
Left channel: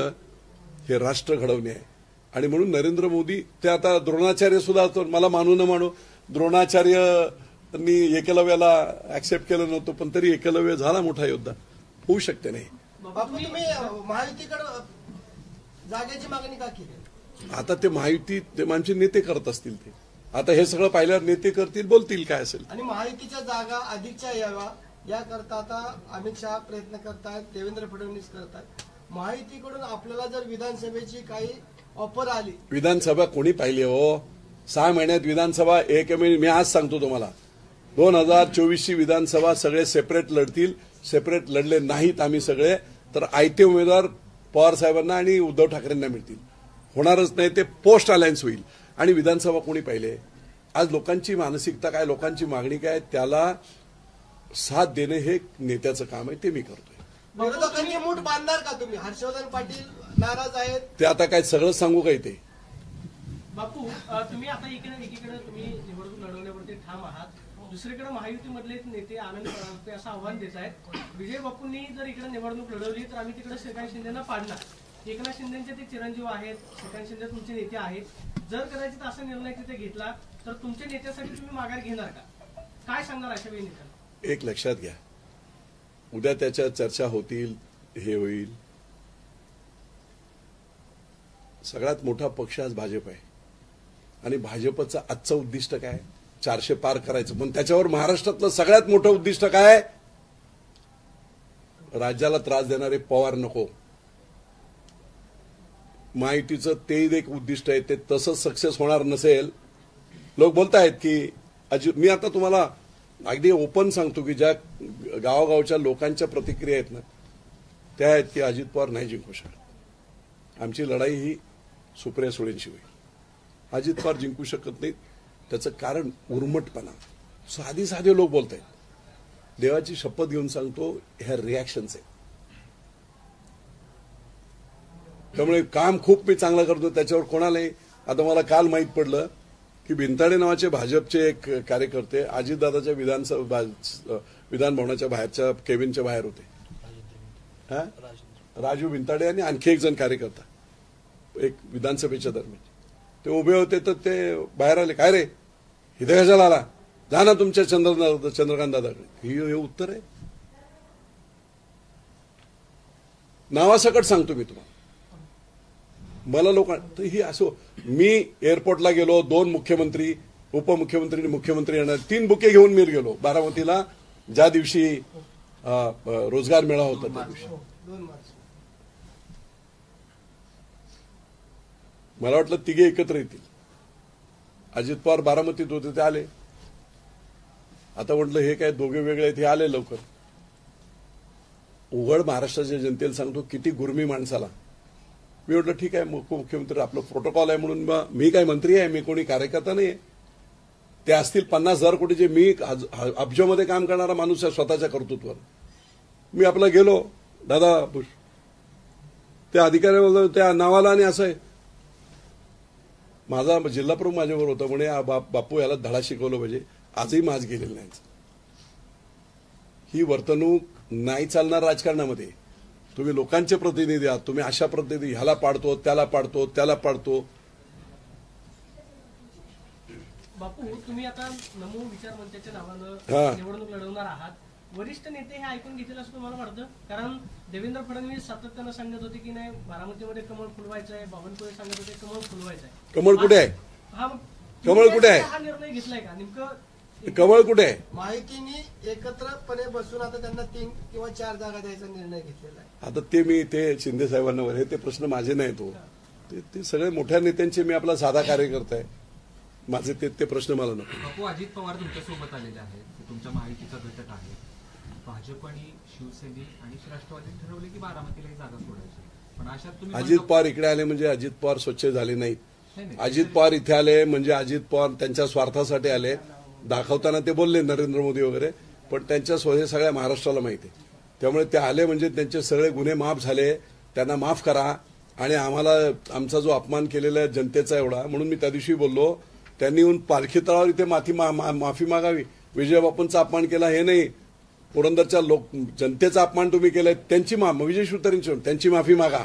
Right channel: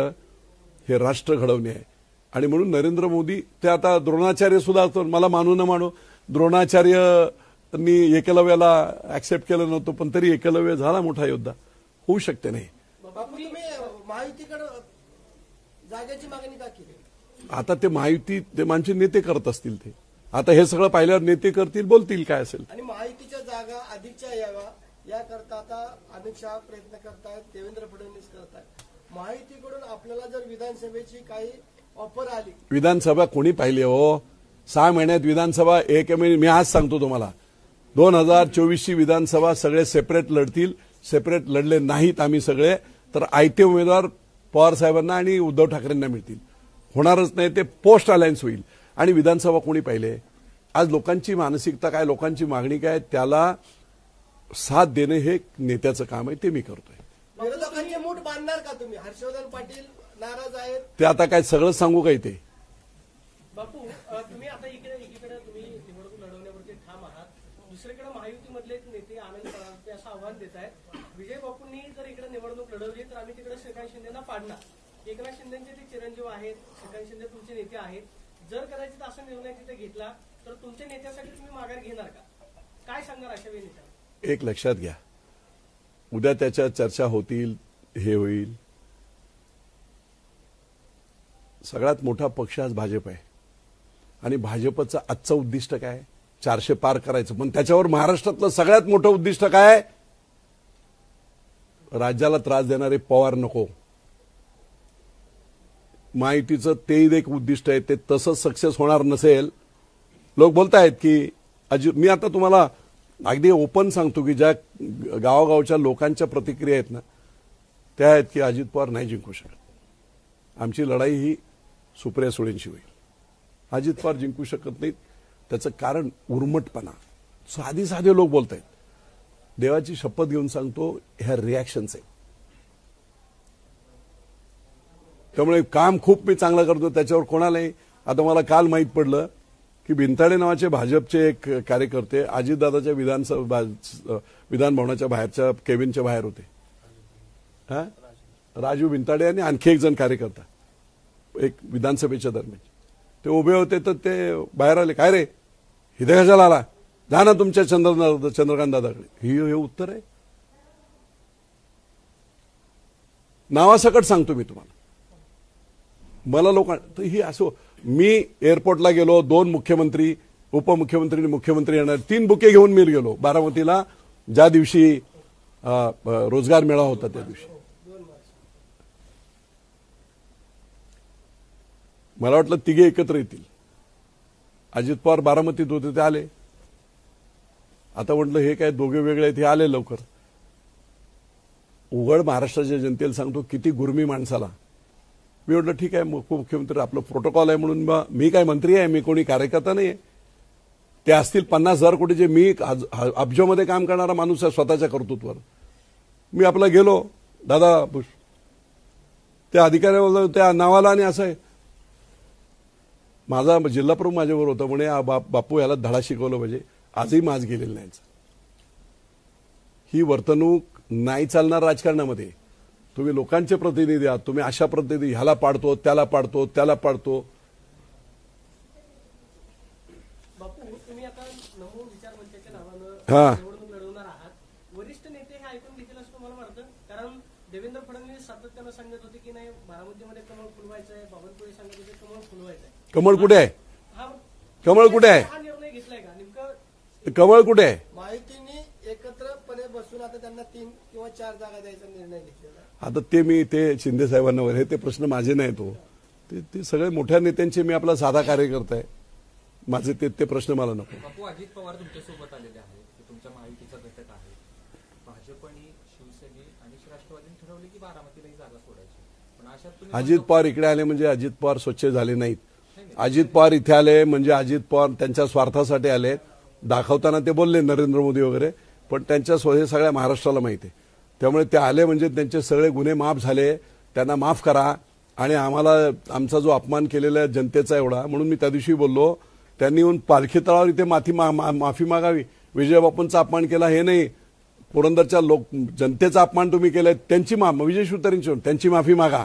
हे राष्ट्र घडवणे आहे. आणि म्हणून नरेंद्र मोदी, ते आता द्रोणाचार्य सुद्धा, मला मानू न मानू, द्रोणाचार्यांनी एकलव्याला ऍक्सेप्ट केलं नव्हतं, पण तरी एकलव्य झाला मोठा योद्धा. होऊ शकते नाही. बापू, तुम्ही महायुतीकडे जागेची मागणी का केली? आता ते महायुती, ते माणसे नेते करत असतील. ते आता हे सगळं पाहिल्यावर नेते करतील, बोलतील काय असेल. आणि महायुतीच्या जागा अधिकच्या याव्या याकरता आता अमित शहा प्रयत्न करतात, देवेंद्र फडणवीस करतात. महायुतीकडून आपल्याला जर विधानसभेची काही ऑफर आली, विधानसभा कोणी पाहिली हो? 6 महिन्यात विधानसभा एक महिने. मी आज सांगतो तुम्हाला, 2024ची विधानसभा सगळे सेपरेट लढतील. सेपरेट लढले नाहीत आम्ही सगळे, तर आयते उमेदवार पवार साहेबांना आणि उद्धव ठाकरेंना मिळतील. होणारच नाही, ते पोस्ट अलायन्स होईल. आणि विधानसभा कोणी पाहिले? आज लोकांची मानसिकता काय, लोकांची मागणी काय, त्याला साथ देणे हे नेत्याचं काम आहे, ते मी करतोय. विरोधकांची मूठ बांधणार का तुम्ही? हर्षवर्धन पाटील नाराज आहेत. ते आता काय सगळं सांगू काय ते? बापू तुम्ही आता एकीकडे तुम्ही निवडणूक लढवण्यावरती ठाम आहात, दुसरीकडे महायुतीमधले नेते आनंद परांजपे असं आव्हान देत आहेत, विजय बापूंनी जर इकडे निवडणूक लढवली तर आम्ही तिकडे श्रीकांत शिंदेना पाडणार. एकनाथ शिंदेचे ते चिरंजीव आहेत, श्रीकांत शिंदे तुमचे नेते आहेत. जर कदाचित असा निर्णय तिथे घेतला तर तुमच्या नेत्यासाठी तुम्ही माघार घेणार का? काय सांगणार अशा वेळी नेत्यांना? एक लक्षात घ्या, उद्या त्याच्या चर्चा होतील, हे होईल. सगळ्यात मोठा पक्ष आज भाजप आहे आणि भाजपचं आजचं उद्दिष्ट काय? 400 पार करायचं. पण त्याच्यावर महाराष्ट्रातलं सगळ्यात मोठं उद्दिष्ट काय? राज्याला त्रास देणारे पवार नको. महायुतीचं ते एक उद्दिष्ट आहे, ते तसंच सक्सेस होणार नसेल. लोक बोलतायत की मी आता तुम्हाला अगदी ओपन सांगतो की ज्या गावागावच्या लोकांच्या प्रतिक्रिया आहेत ना, त्या आहेत की अजित पवार नाही जिंकू शकत. आमची लढाई ही सुप्रिया सुळेंशी होईल. अजित पवार जिंकू शकत नाहीत. त्याचं कारण उर्मटपणा. साधे लोक बोलत आहेत. देवाची शपथ घेऊन सांगतो, ह्या रिॲक्शन्स आहेत. त्यामुळे काम खूप मी चांगलं करतो, त्याच्यावर कोणालाही. आता मला काल माहीत पडलं की भिंताडे नावाचे भाजपचे एक कार्यकर्ते अजितदादाच्या विधान भवनाच्या बाहेरच्या केबिनच्या बाहेर होते. हा, राजू भिंताडे आणि आणखी एक जण कार्यकर्ता एक विधानसभेच्या दरम्यान ते उभे होते. तर ते बाहेर आले, काय रे इथे कशाला आला, जा ना तुमच्या चंद्रकांत दादाकडे. हे उत्तर आहे. नावासकट सांगतो मी तुम्हाला. मला लोकांना ही असो, मी एअरपोर्टला गेलो, 2 मुख्यमंत्री, उपमुख्यमंत्री आणि मुख्यमंत्री येणार, 3 बुके घेऊन मी गेलो बारामतीला, ज्या दिवशी रोजगार मेळावा होता त्या दिवशी. मला वाटलं तिघे एकत्र येतील. अजित पवार बारामतीत होते, ते आले. आता म्हटलं हे काय दोघे वेगळे आहेत, हे आले लवकर. उघड महाराष्ट्राच्या जनतेला सांगतो किती गुरमी माणसाला. मी म्हटलं ठीक आहे, उपमुख्यमंत्री आपलं प्रोटोकॉल आहे म्हणून मी काय मंत्री आहे, मी कोणी कार्यकर्ता नाही. ते असतील 50,000 कोटीचे, मी अब्जोमध्ये काम करणारा माणूस आहे स्वतःच्या कर्तृत्वावर. मी आपला गेलो, दादा त्या अधिकाऱ्यावर त्या नावाला आणि असं आहे. माझा जिल्हा प्रमुख माझ्यावर होता, म्हणे बापू याला धडा शिकवलं पाहिजे. आजही माज गेलेलं नाही. ही वर्तणूक नाही चालणार राजकारणामध्ये. तुम्ही लोकांचे प्रतिनिधी आहात, तुम्ही अशा प्रतिनिधी ह्याला पाडतो, त्याला पाडतो, त्याला पाडतो. बापू तुम्ही आता नमो विचार मंचाच्या नावानं निवडणूक लढवणार आहात. वरिष्ठ नेते हे ऐकून घेतील असं तुम्हाला वाटतं? कारण देवेंद्र फडणवीस सातत्यानं सांगत होते की नाही बारामतीमध्ये कमळ फुलवायचं आहे, बावनकुळे सांगत होते कमळ फुलवायचं आहे. कमळ कुठे आहे? कमळ कुठे आहे? हा निर्णय घेतलाय का नेमकं? कमळ कुठे आहे? माहितीने एकत्रपणे बसून आता त्यांना 3 किंवा 4 जागा द्यायचा निर्णय घेतलेला आहे. आता ते शिंदे साहेबांवर हे ते प्रश्न माझे नाहीत हो. ते सगळे मोठ्या नेत्यांचे, मी आपला साधा कार्यकर्ता आहे. माझे ते प्रश्न मला नको. बापू अजित पवार तुमच्यासोबत आलेले आहेत, तुमच्या महायुतीचा घटक आहे. भाजप आणि शिवसेना आणि राष्ट्रवादीने ठरवले की बारामतीला ही जागा सोडायची. पण अशात तुम्ही अजित पवार इकडे आले म्हणजे अजित पवार स्वच्छ झाले नाहीत. अजित पवार इथे आले म्हणजे अजित पवार त्यांच्या स्वार्थासाठी आले. दाखवताना ते बोलले नरेंद्र मोदी वगैरे, पण त्यांच्या हे सगळ्या महाराष्ट्राला माहिती आहे. त्यामुळे ते आले म्हणजे त्यांचे सगळे गुन्हे माफ झाले. त्यांना माफ करा. आणि आम्हाला आमचा जो अपमान केलेला आहे जनतेचा एवढा, म्हणून मी त्या दिवशी बोललो, त्यांनी येऊन पालखी तळावर इथे माफी मागावी. विजय बापूंचा अपमान केला हे नाही, पुरंदरच्या जनतेचा अपमान तुम्ही केलाय, त्यांची विजय शिवतरेंची त्यांची माफी मागा.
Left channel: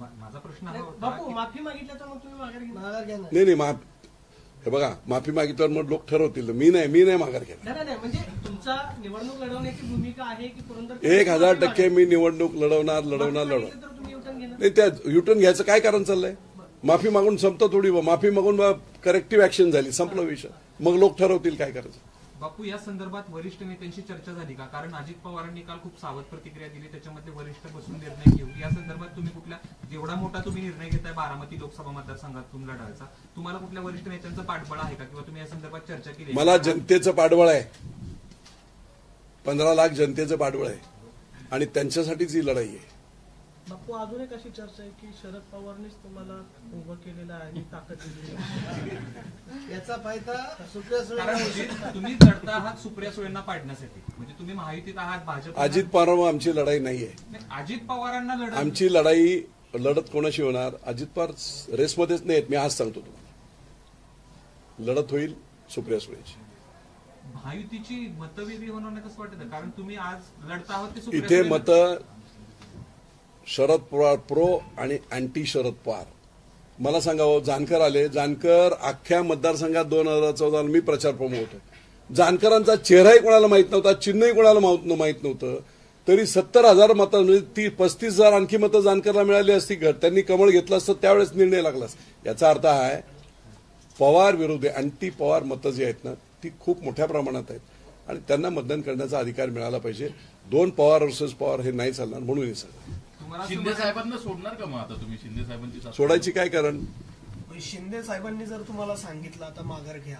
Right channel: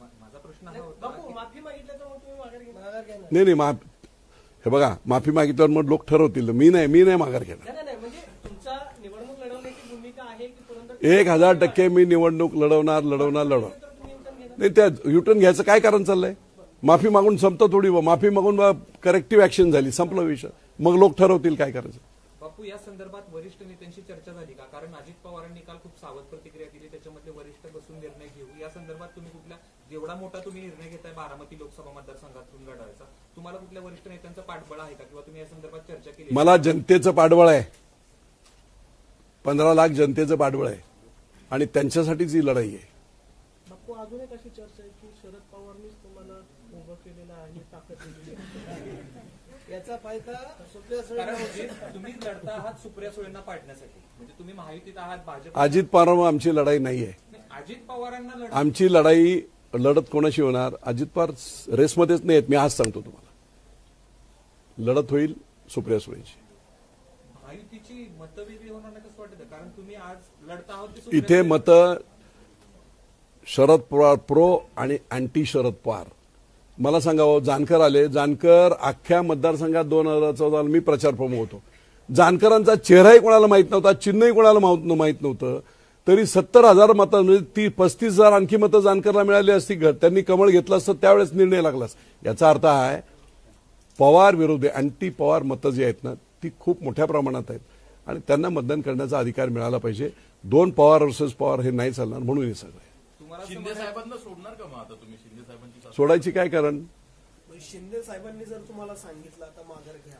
माझा प्रश्न बापू माफी मागितलं तर मग तुम्ही माघार घेणार? नाही हे बघा, माफी मागितल्यावर मग लोक ठरवतील. मी नाही माघार घेणार. नाही म्हणजे तुमचा निवडणूक लढवण्याची भूमिका आहे की पुरंदर 1000% मी निवडणूक लढवणार. तुम्ही युटर्न घेणार? नाही, त्या युटर्न घ्यायचं काय कारण चाललंय? माफी मागून संपतं थोडी. माफी मागून करेक्टिव्ह ऍक्शन झाली, संपलं विषय. मग लोक ठरवतील काय करायचं. बापू या संदर्भात वरिष्ठ नेत्यांशी चर्चा झाली का? कारण अजित पवारांनी काल खूप सावध प्रतिक्रिया दिली, त्याच्यामध्ये वरिष्ठ बसून निर्णय घेऊ. या संदर्भात तुम्ही कुठल्या, जेवढा मोठा तुम्ही निर्णय घेताय बारामती लोकसभा मतदारसंघातून लढायचा, तुम्हाला कुठल्या वरिष्ठ नेत्यांचं पाठबळ आहे का, किंवा तुम्ही या संदर्भात चर्चा केली? मला जनतेचं पाठबळ आहे. 15 लाख जनतेचं पाठबळ आहे आणि त्यांच्यासाठीच ही लढाई आहे. बापू अजून एक अशी चर्चा आहे की शरद पवारनीच तुम्हाला उभं केलेलं आहे आणि ताकद दिलेली आहे. याचा फायदा सुप्रिया सुळे. कारण तुम्ही लढता आहात सुप्रिया सुळेंना पाडण्यासाठी, म्हणजे तुम्ही महायुतीत आहात. भाजप अजित पवार आमची लढाई नाही आहे. अजित पवारांना आमची लढाई लढत कोणाशी होणार? अजित पवार रेसमध्येच नाही आहेत, मी आज सांगतो तुम्हाला. लढत होईल सुप्रिया सुळेची. महायुतीची मतवेगळी होणार नाही कसं वाटतं? कारण तुम्ही आज लढता आहात ते सुप्रिया इथे सुळे- मतं शरद पवार प्रो आणि अँटी शरद पवार. मला सांगावं, जानकर आले. जानकर अख्ख्या मतदारसंघात 2014 मी प्रचार प्रमुख होतो. जानकरांचा चेहराही कोणाला माहित नव्हता, चिन्हही कोणाला माहित नव्हतं. तरी 70,000 मतं म्हणजे 35,000 आणखी मतं जानकरला मिळाली असती. त्यांनी कमळ घेतलं असतं त्यावेळेस निर्णय लागला. याचा अर्थ हा आहे, पवार विरोधी अँटी पवार मतं जी आहेत ना ती खूप मोठ्या प्रमाणात आहेत आणि त्यांना मतदान करण्याचा अधिकार मिळाला पाहिजे. 2 पवार वर्सेस पवार हे नाही चालणार, म्हणून हे सगळं. तुम्हाला असं शिंदे साहेबांना सोडणार का मग आता तुम्ही? शिंदे साहेबांची चाचणी- सोडायची काय कारण? शिंदे साहेबांनी जर तुम्हाला सांगितलं आता माघार घ्या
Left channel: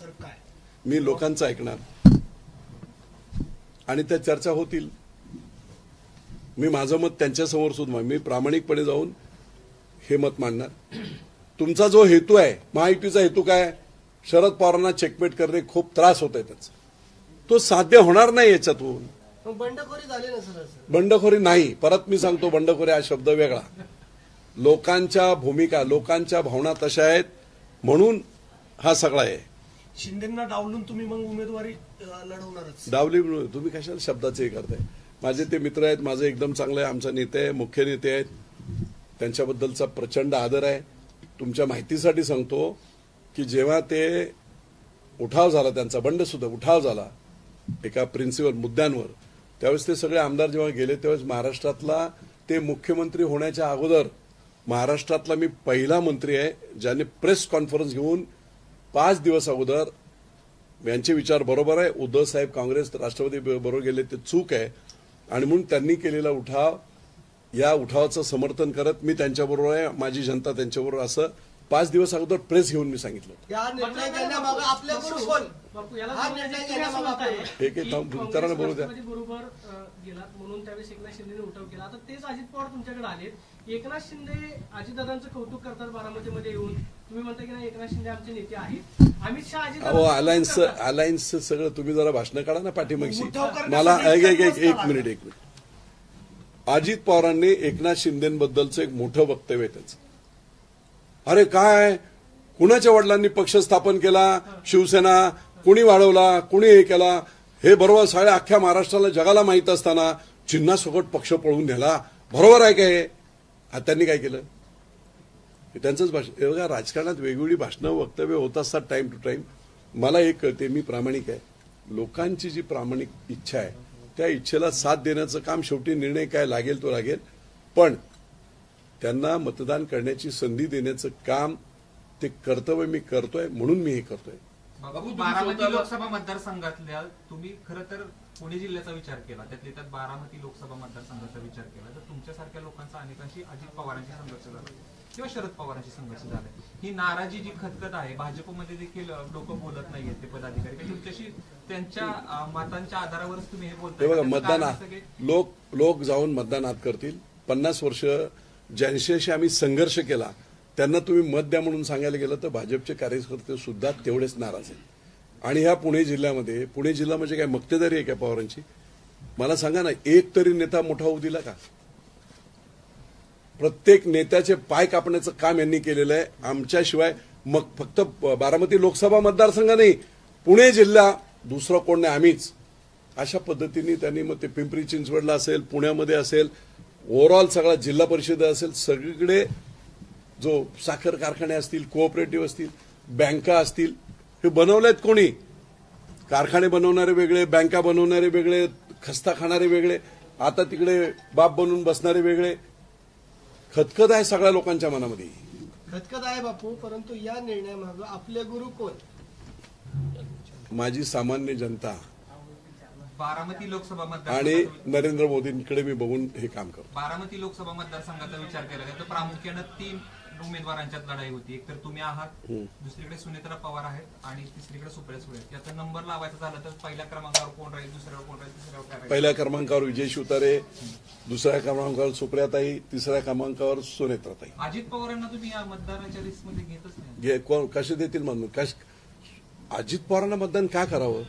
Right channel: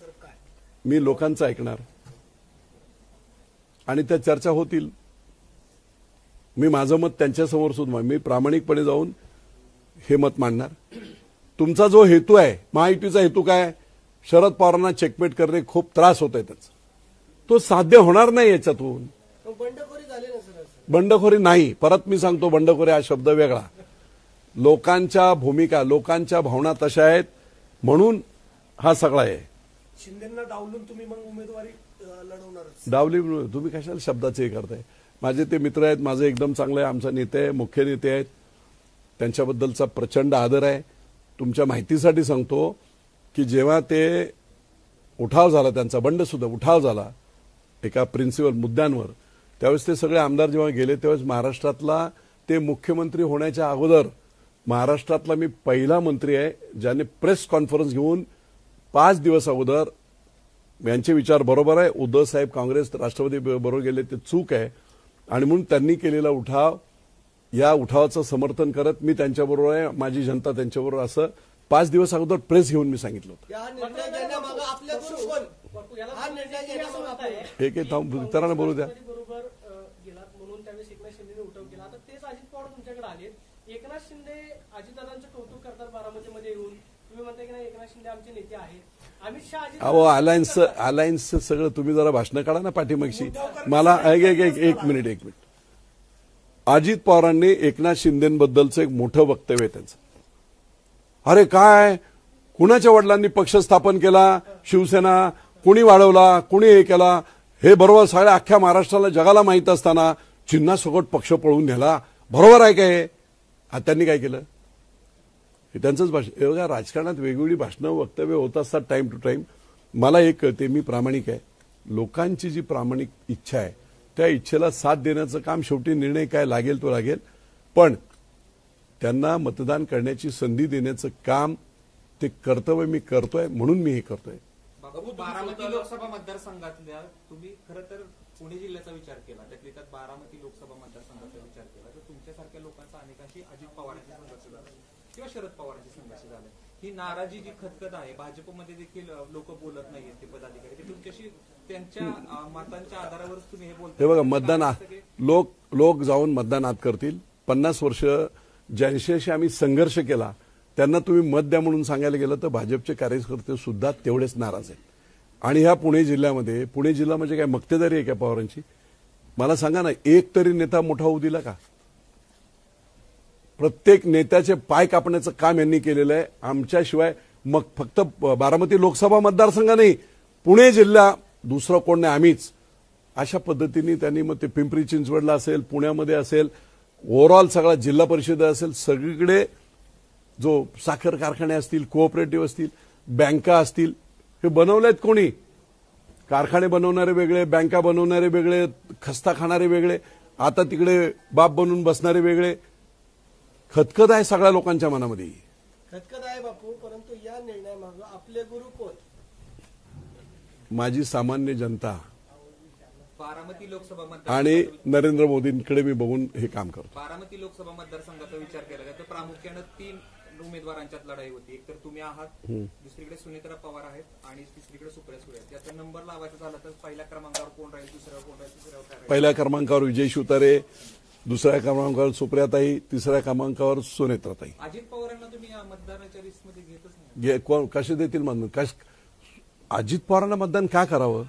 तर काय? मी लोकांचं ऐकणार आणि त्या चर्चा होतील. मी माझं मत त्यांच्यासमोर सुद्धा मी प्रामाणिकपणे जाऊन हे मत मांडणार. तुमचा जो हेतू आहे, महायुतीचा हेतू काय? शरद पवारांना चेकमेट करणे, खूप त्रास होत आहे त्याचा. तो साध्य होणार नाही याच्यातून. मग बंडखोरी झाली ना सर? बंडखोरी नाही. परत मी सांगतो, बंडखोरी हा शब्द वेगळा. लोकांच्या भूमिका, लोकांच्या भावना तशा आहेत म्हणून हा सगळा आहे. शिंदेना डावलून तुम्ही मग उमेदवारी लढवणारच? डावली तुम्ही कशाला शब्दाचे हे करताय? माझे ते मित्र आहेत, माझं एकदम चांगलं आहे. आमचा नेते आहे, मुख्य नेते आहेत, त्यांच्याबद्दलचा प्रचंड आदर आहे. तुमच्या माहितीसाठी सांगतो की जेव्हा ते उठाव झाला, त्यांचा बंड सुद्धा उठाव झाला एका प्रिन्सिपल मुद्द्यांवर, त्यावेळेस ते सगळे आमदार जेव्हा गेले त्यावेळेस महाराष्ट्रातला ते मुख्यमंत्री होण्याच्या अगोदर महाराष्ट्रातला मी पहिला मंत्री आहे ज्याने प्रेस कॉन्फरन्स घेऊन 5 दिवस अगोदर यांचे विचार बरोबर आहे, उद्धव साहेब काँग्रेस राष्ट्रवादी बरोबर गेले ते चूक आहे आणि म्हणून त्यांनी केलेला उठाव, या उठावाचं समर्थन करत मी त्यांच्याबरोबर आहे, माझी जनता त्यांच्याबरोबर, असं 5 दिवस अगोदर प्रेस घेऊन मी सांगितलं. या निर्णय घेण्यामागे आपल्या गुरु कोण? हा निर्णय घेण्यामागे एक उत्तराने बोलू द्या. बरोबर गेला म्हणून त्यावेळेस एकनाथ शिंदेने उठाव केला. आता तेच अजित पवार तुमच्याकडे आलेत. एकनाथ शिंदे अजितदादांचं कौतुक करतात बारामतीमध्ये येऊन. तुम्ही म्हणता की नाही एकनाथ शिंदे आमचे नेते आहेत. अमित शहा अहो अलायन्स सगळं तुम्ही जरा भाषणं काढा ना पाठीमागची. मला एक मिनिट. अजित पवारांनी एकनाथ शिंदेबद्दलचं एक मोठं वक्तव्य आहे त्यांचं. अरे काय, कुणाच्या वडिलांनी पक्ष स्थापन केला, शिवसेना कुणी वाढवला, कुणी हे केला, हे बरोबर सगळ्या अख्ख्या महाराष्ट्राला जगाला माहित असताना चिन्हासकट पक्ष पळवून नेला, बरोबर आहे काय? त्यांनी काय केलं? हे त्यांचंच भाषण. हे बघा, राजकारणात वेगवेगळी भाषणं वक्तव्य होत असतात टाइम टू टाइम. मला एक कळते, मी प्रामाणिक आहे. लोकांची जी प्रामाणिक इच्छा आहे त्या इच्छेला साथ देण्याचं काम, शेवटी निर्णय काय लागेल तो लागेल, पण त्यांना मतदान करण्याची संधी देण्याचं काम, ते कर्तव्य मी करतोय म्हणून मी हे करतोय. बाबू, बारामती लोकसभा मतदारसंघातल्या तुम्ही खरं तर पुणे जिल्ह्याचा विचार केला, त्यात बारामती लोकसभा मतदारसंघाचा विचार केला तर तुमच्यासारख्या लोकांचा अनेकांशी अजित पवारांशी संघर्ष झाला किंवा शरद पवारांशी संघर्ष झाला. ही नाराजी जी खतखत आहे, भाजपमध्ये देखील लोक बोलत नाहीये, ते पदाधिकारी तुमच्याशी त्यांच्या मतांच्या आधारावरच तुम्ही हे बोलता. हे बघा, मतदानात लोक जाऊन मतदानात करतील. 50 वर्ष ज्यांच्याशी आम्ही संघर्ष केला त्यांना तुम्ही मत द्या म्हणून सांगायला गेलं तर भाजपचे कार्यकर्ते सुद्धा तेवढेच नाराज आहेत. आणि ह्या पुणे जिल्ह्यामध्ये, पुणे जिल्हा म्हणजे काय मक्तेदारी आहे का पवारांची? मला सांगा ना, एक तरी नेता मोठा होऊ दिला का? प्रत्येक नेत्याचे पाय कापण्याचं काम यांनी केलेलं आहे. आमच्याशिवाय मग फक्त बारामती लोकसभा मतदारसंघ नाही, पुणे जिल्हा दुसरं कोण नाही, आम्हीच. अशा पद्धतीने त्यांनी मग ते पिंपरी चिंचवडला असेल, पुण्यामध्ये असेल, ओव्हरऑल सगळा जिल्हा परिषद असेल, सगळीकडे जो साखर कारखाने असतील, कोऑपरेटिव्ह असतील, बँका असतील, हे बनवलेत कोणी? कारखाने बनवणारे वेगळे, बँका बनवणारे वेगळे, खस्ता खाणारे वेगळे, आता तिकडे बाप बनून बसणारे वेगळे. खतखत आहे सगळ्या लोकांच्या मनामध्ये. खतखत आहे बापू, परंतु या निर्णयामागे आपले गुरु कोण? माझी सामान्य जनता बारामती लोकसभा आणि मतदार नरेंद्र मोदींकडे मी बघून हे काम करतो. बारामती लोकसभा मतदारसंघाचा विचार केला तर प्रामुख्यानं 3 उमेदवारांच्यात लढाई होती. एक तर तुम्ही आहात, दुसरीकडे सुनेत्रा पवार आहेत आणि तिसरीकडे सुप्रिया सुळे आहेत. याचा नंबर लावायचा झाला तर पहिल्या क्रमांकावर कोण राहील, दुसऱ्यावर कोण राहील, तिसऱ्यावर काय राहील? पहिल्या क्रमांकावर विजय शिवतारे, दुसऱ्या क्रमांकावर सुप्रियाताई, तिसऱ्या क्रमांकावर सुनेत्राताई. अजित पवारांना तुम्ही या मतदाराच्या लिस्टमध्ये घेतच नाही. कोण कसे देतील म्हणून? अजित पवारांना मतदान काय करावं?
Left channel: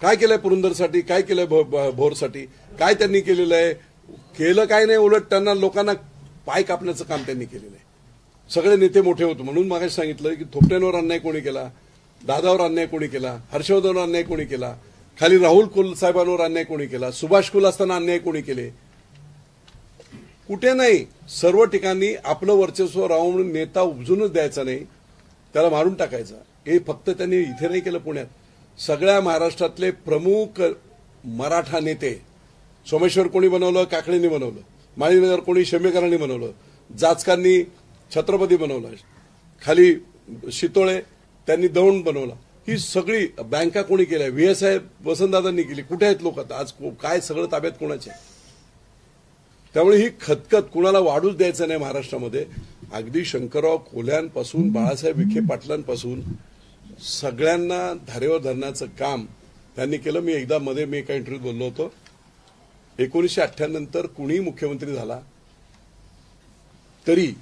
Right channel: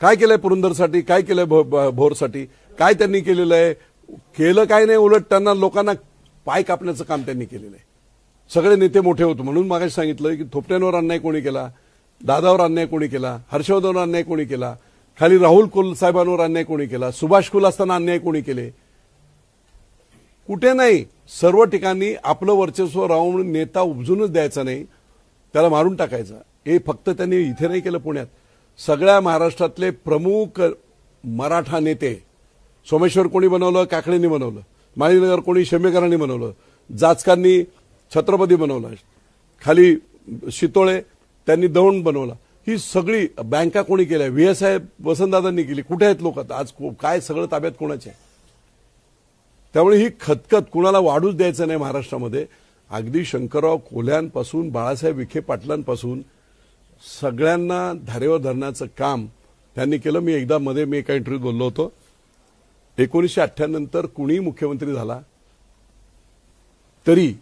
काय केलंय पुरंदरसाठी, काय केलंय भोरसाठी, काय त्यांनी केलेलं आहे? केलं काय नाही, उलट त्यांना लोकांना पाय कापण्याचं काम त्यांनी केलेलं आहे. सगळे नेते मोठे होतो म्हणून मागाशी सांगितलं की थोपट्यांवर अन्याय कोणी केला, दादावर अन्याय कोणी केला, हर्षवर्धनवर अन्याय कोणी केला, खाली राहुल कुल साहेबांवर अन्याय कोणी केला, सुभाष कुल असताना अन्याय कोणी केले. कुठे नाही, सर्व ठिकाणी आपलं वर्चस्व राहून नेता उपजूनच द्यायचा नाही, त्याला मारून टाकायचा. हे फक्त त्यांनी इथे नाही केलं, पुण्यात सगळ्या महाराष्ट्रातले प्रमुख मराठा नेते, सोमेश्वर कोणी बनवलं, काकडेंनी बनवलं, माळीनगर कोणी शेमेकरांनी बनवलं, जाचकांनी छत्रपती बनवला, खाली शितोळे त्यांनी दौंड बनवला. ही सगळी बँका कोणी केल्या, व्हीएसआय वसंतदादांनी केली. कुठे आहेत लोक आता? आज काय सगळं ताब्यात कोणाचे? त्यामुळे ही खतखत कुणाला वाढूच द्यायचं नाही महाराष्ट्रामध्ये. अगदी शंकरराव कोल्ह्यांपासून बाळासाहेब विखे पाटलांपासून सगळ्यांना धारेवर धरण्याचं काम त्यांनी केलं. मी एकदा मध्ये मी एका इंटरव्ह्यूत बोललो होतो, 1998 नंतर कुणीही मुख्यमंत्री झाला तरी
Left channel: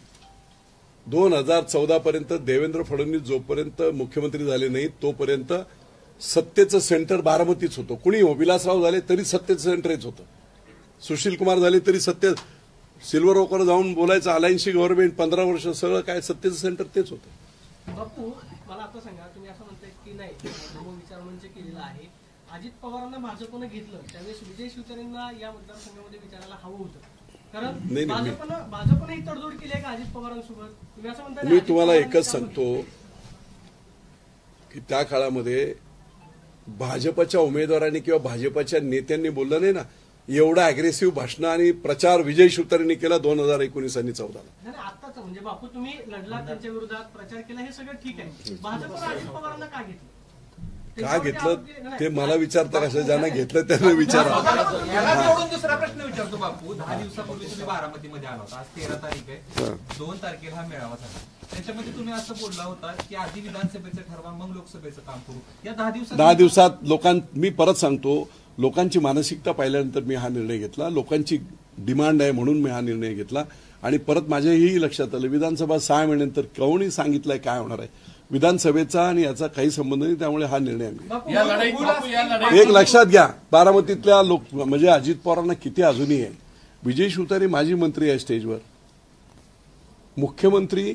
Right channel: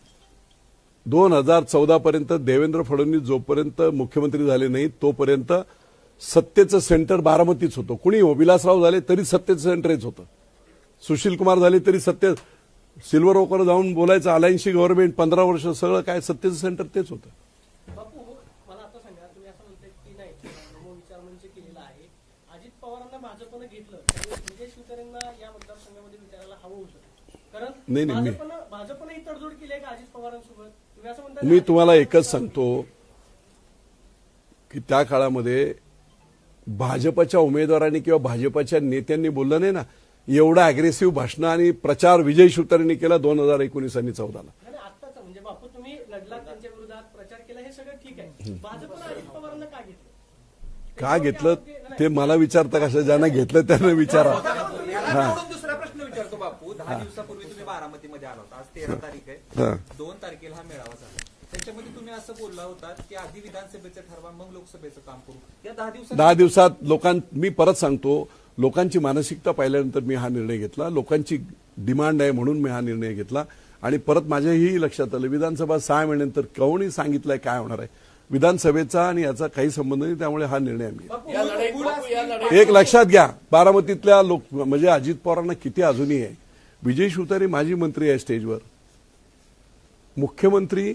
2014 पर्यंत देवेंद्र फडणवीस जोपर्यंत मुख्यमंत्री झाले नाही तोपर्यंत सत्तेचं सेंटर बारामतीच होतं. कुणी हो, विलासराव झाले तरी सत्तेचं सेंटर हेच होतं, सुशील कुमार झाले तरी सत्ते, सिल्वर ओकर जाऊन बोलायचं अलायन्सची गव्हर्नमेंट 15 वर्ष सगळं काय सत्तेचं सेंटर तेच होतं. बापू मला आता सांगा, तुम्ही असं म्हणताय की नाही विचारमंच केलेला आहे, अजित पवारांना भाजपनं घेतलं त्यावेळेस विजय शिवतारेंना या मतदारसंघामध्ये विचारायला हवं होतं, कारण भाजपनं ही तडजोड केली आहे का अजित पवारांसोबत? तुम्ही असं म्हणताय. मी तुम्हाला एकच सांगतो की त्या काळामध्ये भाजपच्या उमेदवारांनी किंवा भाजपच्या नेत्यांनी बोललं नाही ना, एवढा अग्रेसिव्ह भाषण आणि प्रचार विजय शिवतारेंनी केला 2019 आणि 14ला. नाही आत्ताच म्हणजे बापू तुम्ही लढला, त्यांच्या विरोधात प्रचार केला, हे सगळं ठीक आहे. भाजपनं अजित पवारांना का घेतलं? का घेतलं ते मला विचारता कसं? ज्यांना घेतलं त्यांना विचारा. दुसरा प्रश्न विचारतो बापू. 10 दिवसापूर्वी तुम्ही बारामतीमध्ये आला होता, आज 13 तारीख आहे, 2 तारखेला हा मेळावा झाला. त्याच्यामध्ये तुम्ही असं बोलला होता की आधी विधानसभेचं ठरवा मग लोकसभेचं काम करू. या 10 दिवसात मी परत सांगतो, लोकांची मानसिकता पाहिल्यानंतर मी हा निर्णय घेतला. लोकांची डिमांड आहे म्हणून मी हा निर्णय घेतला. आणि परत माझ्याही लक्षात आलं, विधानसभा 6 महिन्यानंतर कोणी सांगितलंय काय होणार आहे, विधानसभेचा आणि याचा काही संबंध नाही. त्यामुळे हा निर्णय आम्ही एक लक्षात घ्या. बारामतीतल्या लोक म्हणजे अजित पवारांना किती अजूनही आहे. विजय शिवतारे माजी मंत्री आहे स्टेजवर, मुख्यमंत्री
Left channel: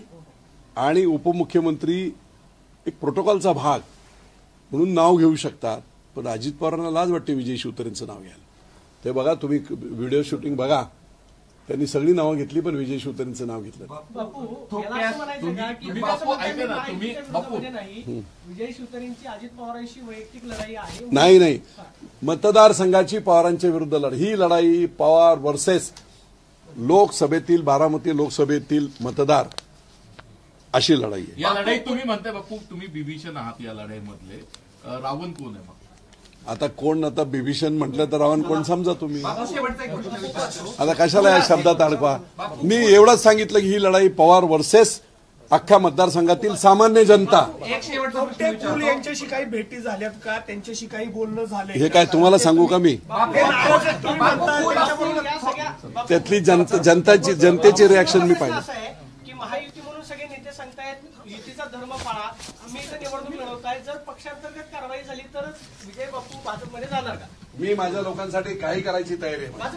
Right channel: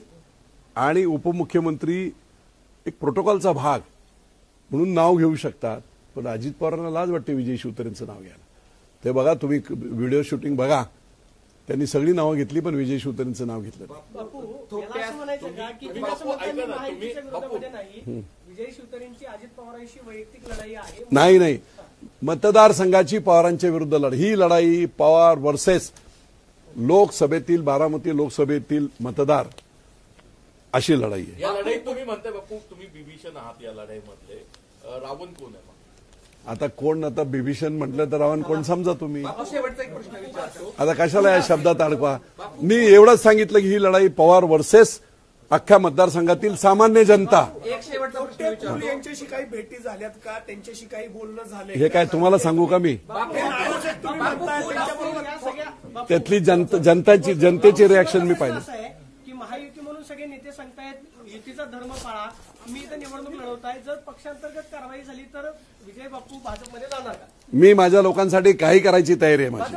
आणि उपमुख्यमंत्री एक प्रोटोकॉलचा भाग म्हणून नाव घेऊ शकतात, पण अजित पवारांना लाज वाटते विजय शिवतारेंचं नाव घ्यायला. ते बघा, तुम्ही व्हिडिओ शूटिंग बघा, त्यांनी सगळी नावं घेतली पण विजय शिवतारेंचं नाव घेतलं. विजय शिवतारेंची अजित पवारांशी वैयक्तिक लढाई आहे? नाही, मतदारसंघाची पवारांच्या विरुद्ध लढाई. ही लढाई पवार वर्सेस लोकसभेतील, बारामती लोकसभेतील मतदार अशी लढाई. या लढाईत तुम्ही म्हणताय बापू, तुम्ही बिभीषण आहात या लढाईमधले, रावण कोण आहे मग? आता कोण, आता बिभीषण म्हटलं तर रावण कोण समजा तुम्ही. आता कशाला या शब्दात अडकवा. मी एवढंच सांगितलं की ही लढाई पवार वर्सेस अख्ख्या मतदारसंघातील सामान्य जनता. यांच्याशी काही भेटी झाल्यात का? त्यांच्याशी काही बोलणं झालंय? हे काय तुम्हाला सांगू का मी? त्यातली जनतेची रिॲक्शन मी पाहिजे. महायुती म्हणून सगळे नेते सांगतायत युतीचा धर्म पाळा, आम्ही इथं निवडणूक लढवताय, जर पक्षांतर्गत कारवाई झाली तर विजय बापू भाजपमध्ये जाणार का? मी माझ्या लोकांसाठी काही करायची तयारी आहे माझी.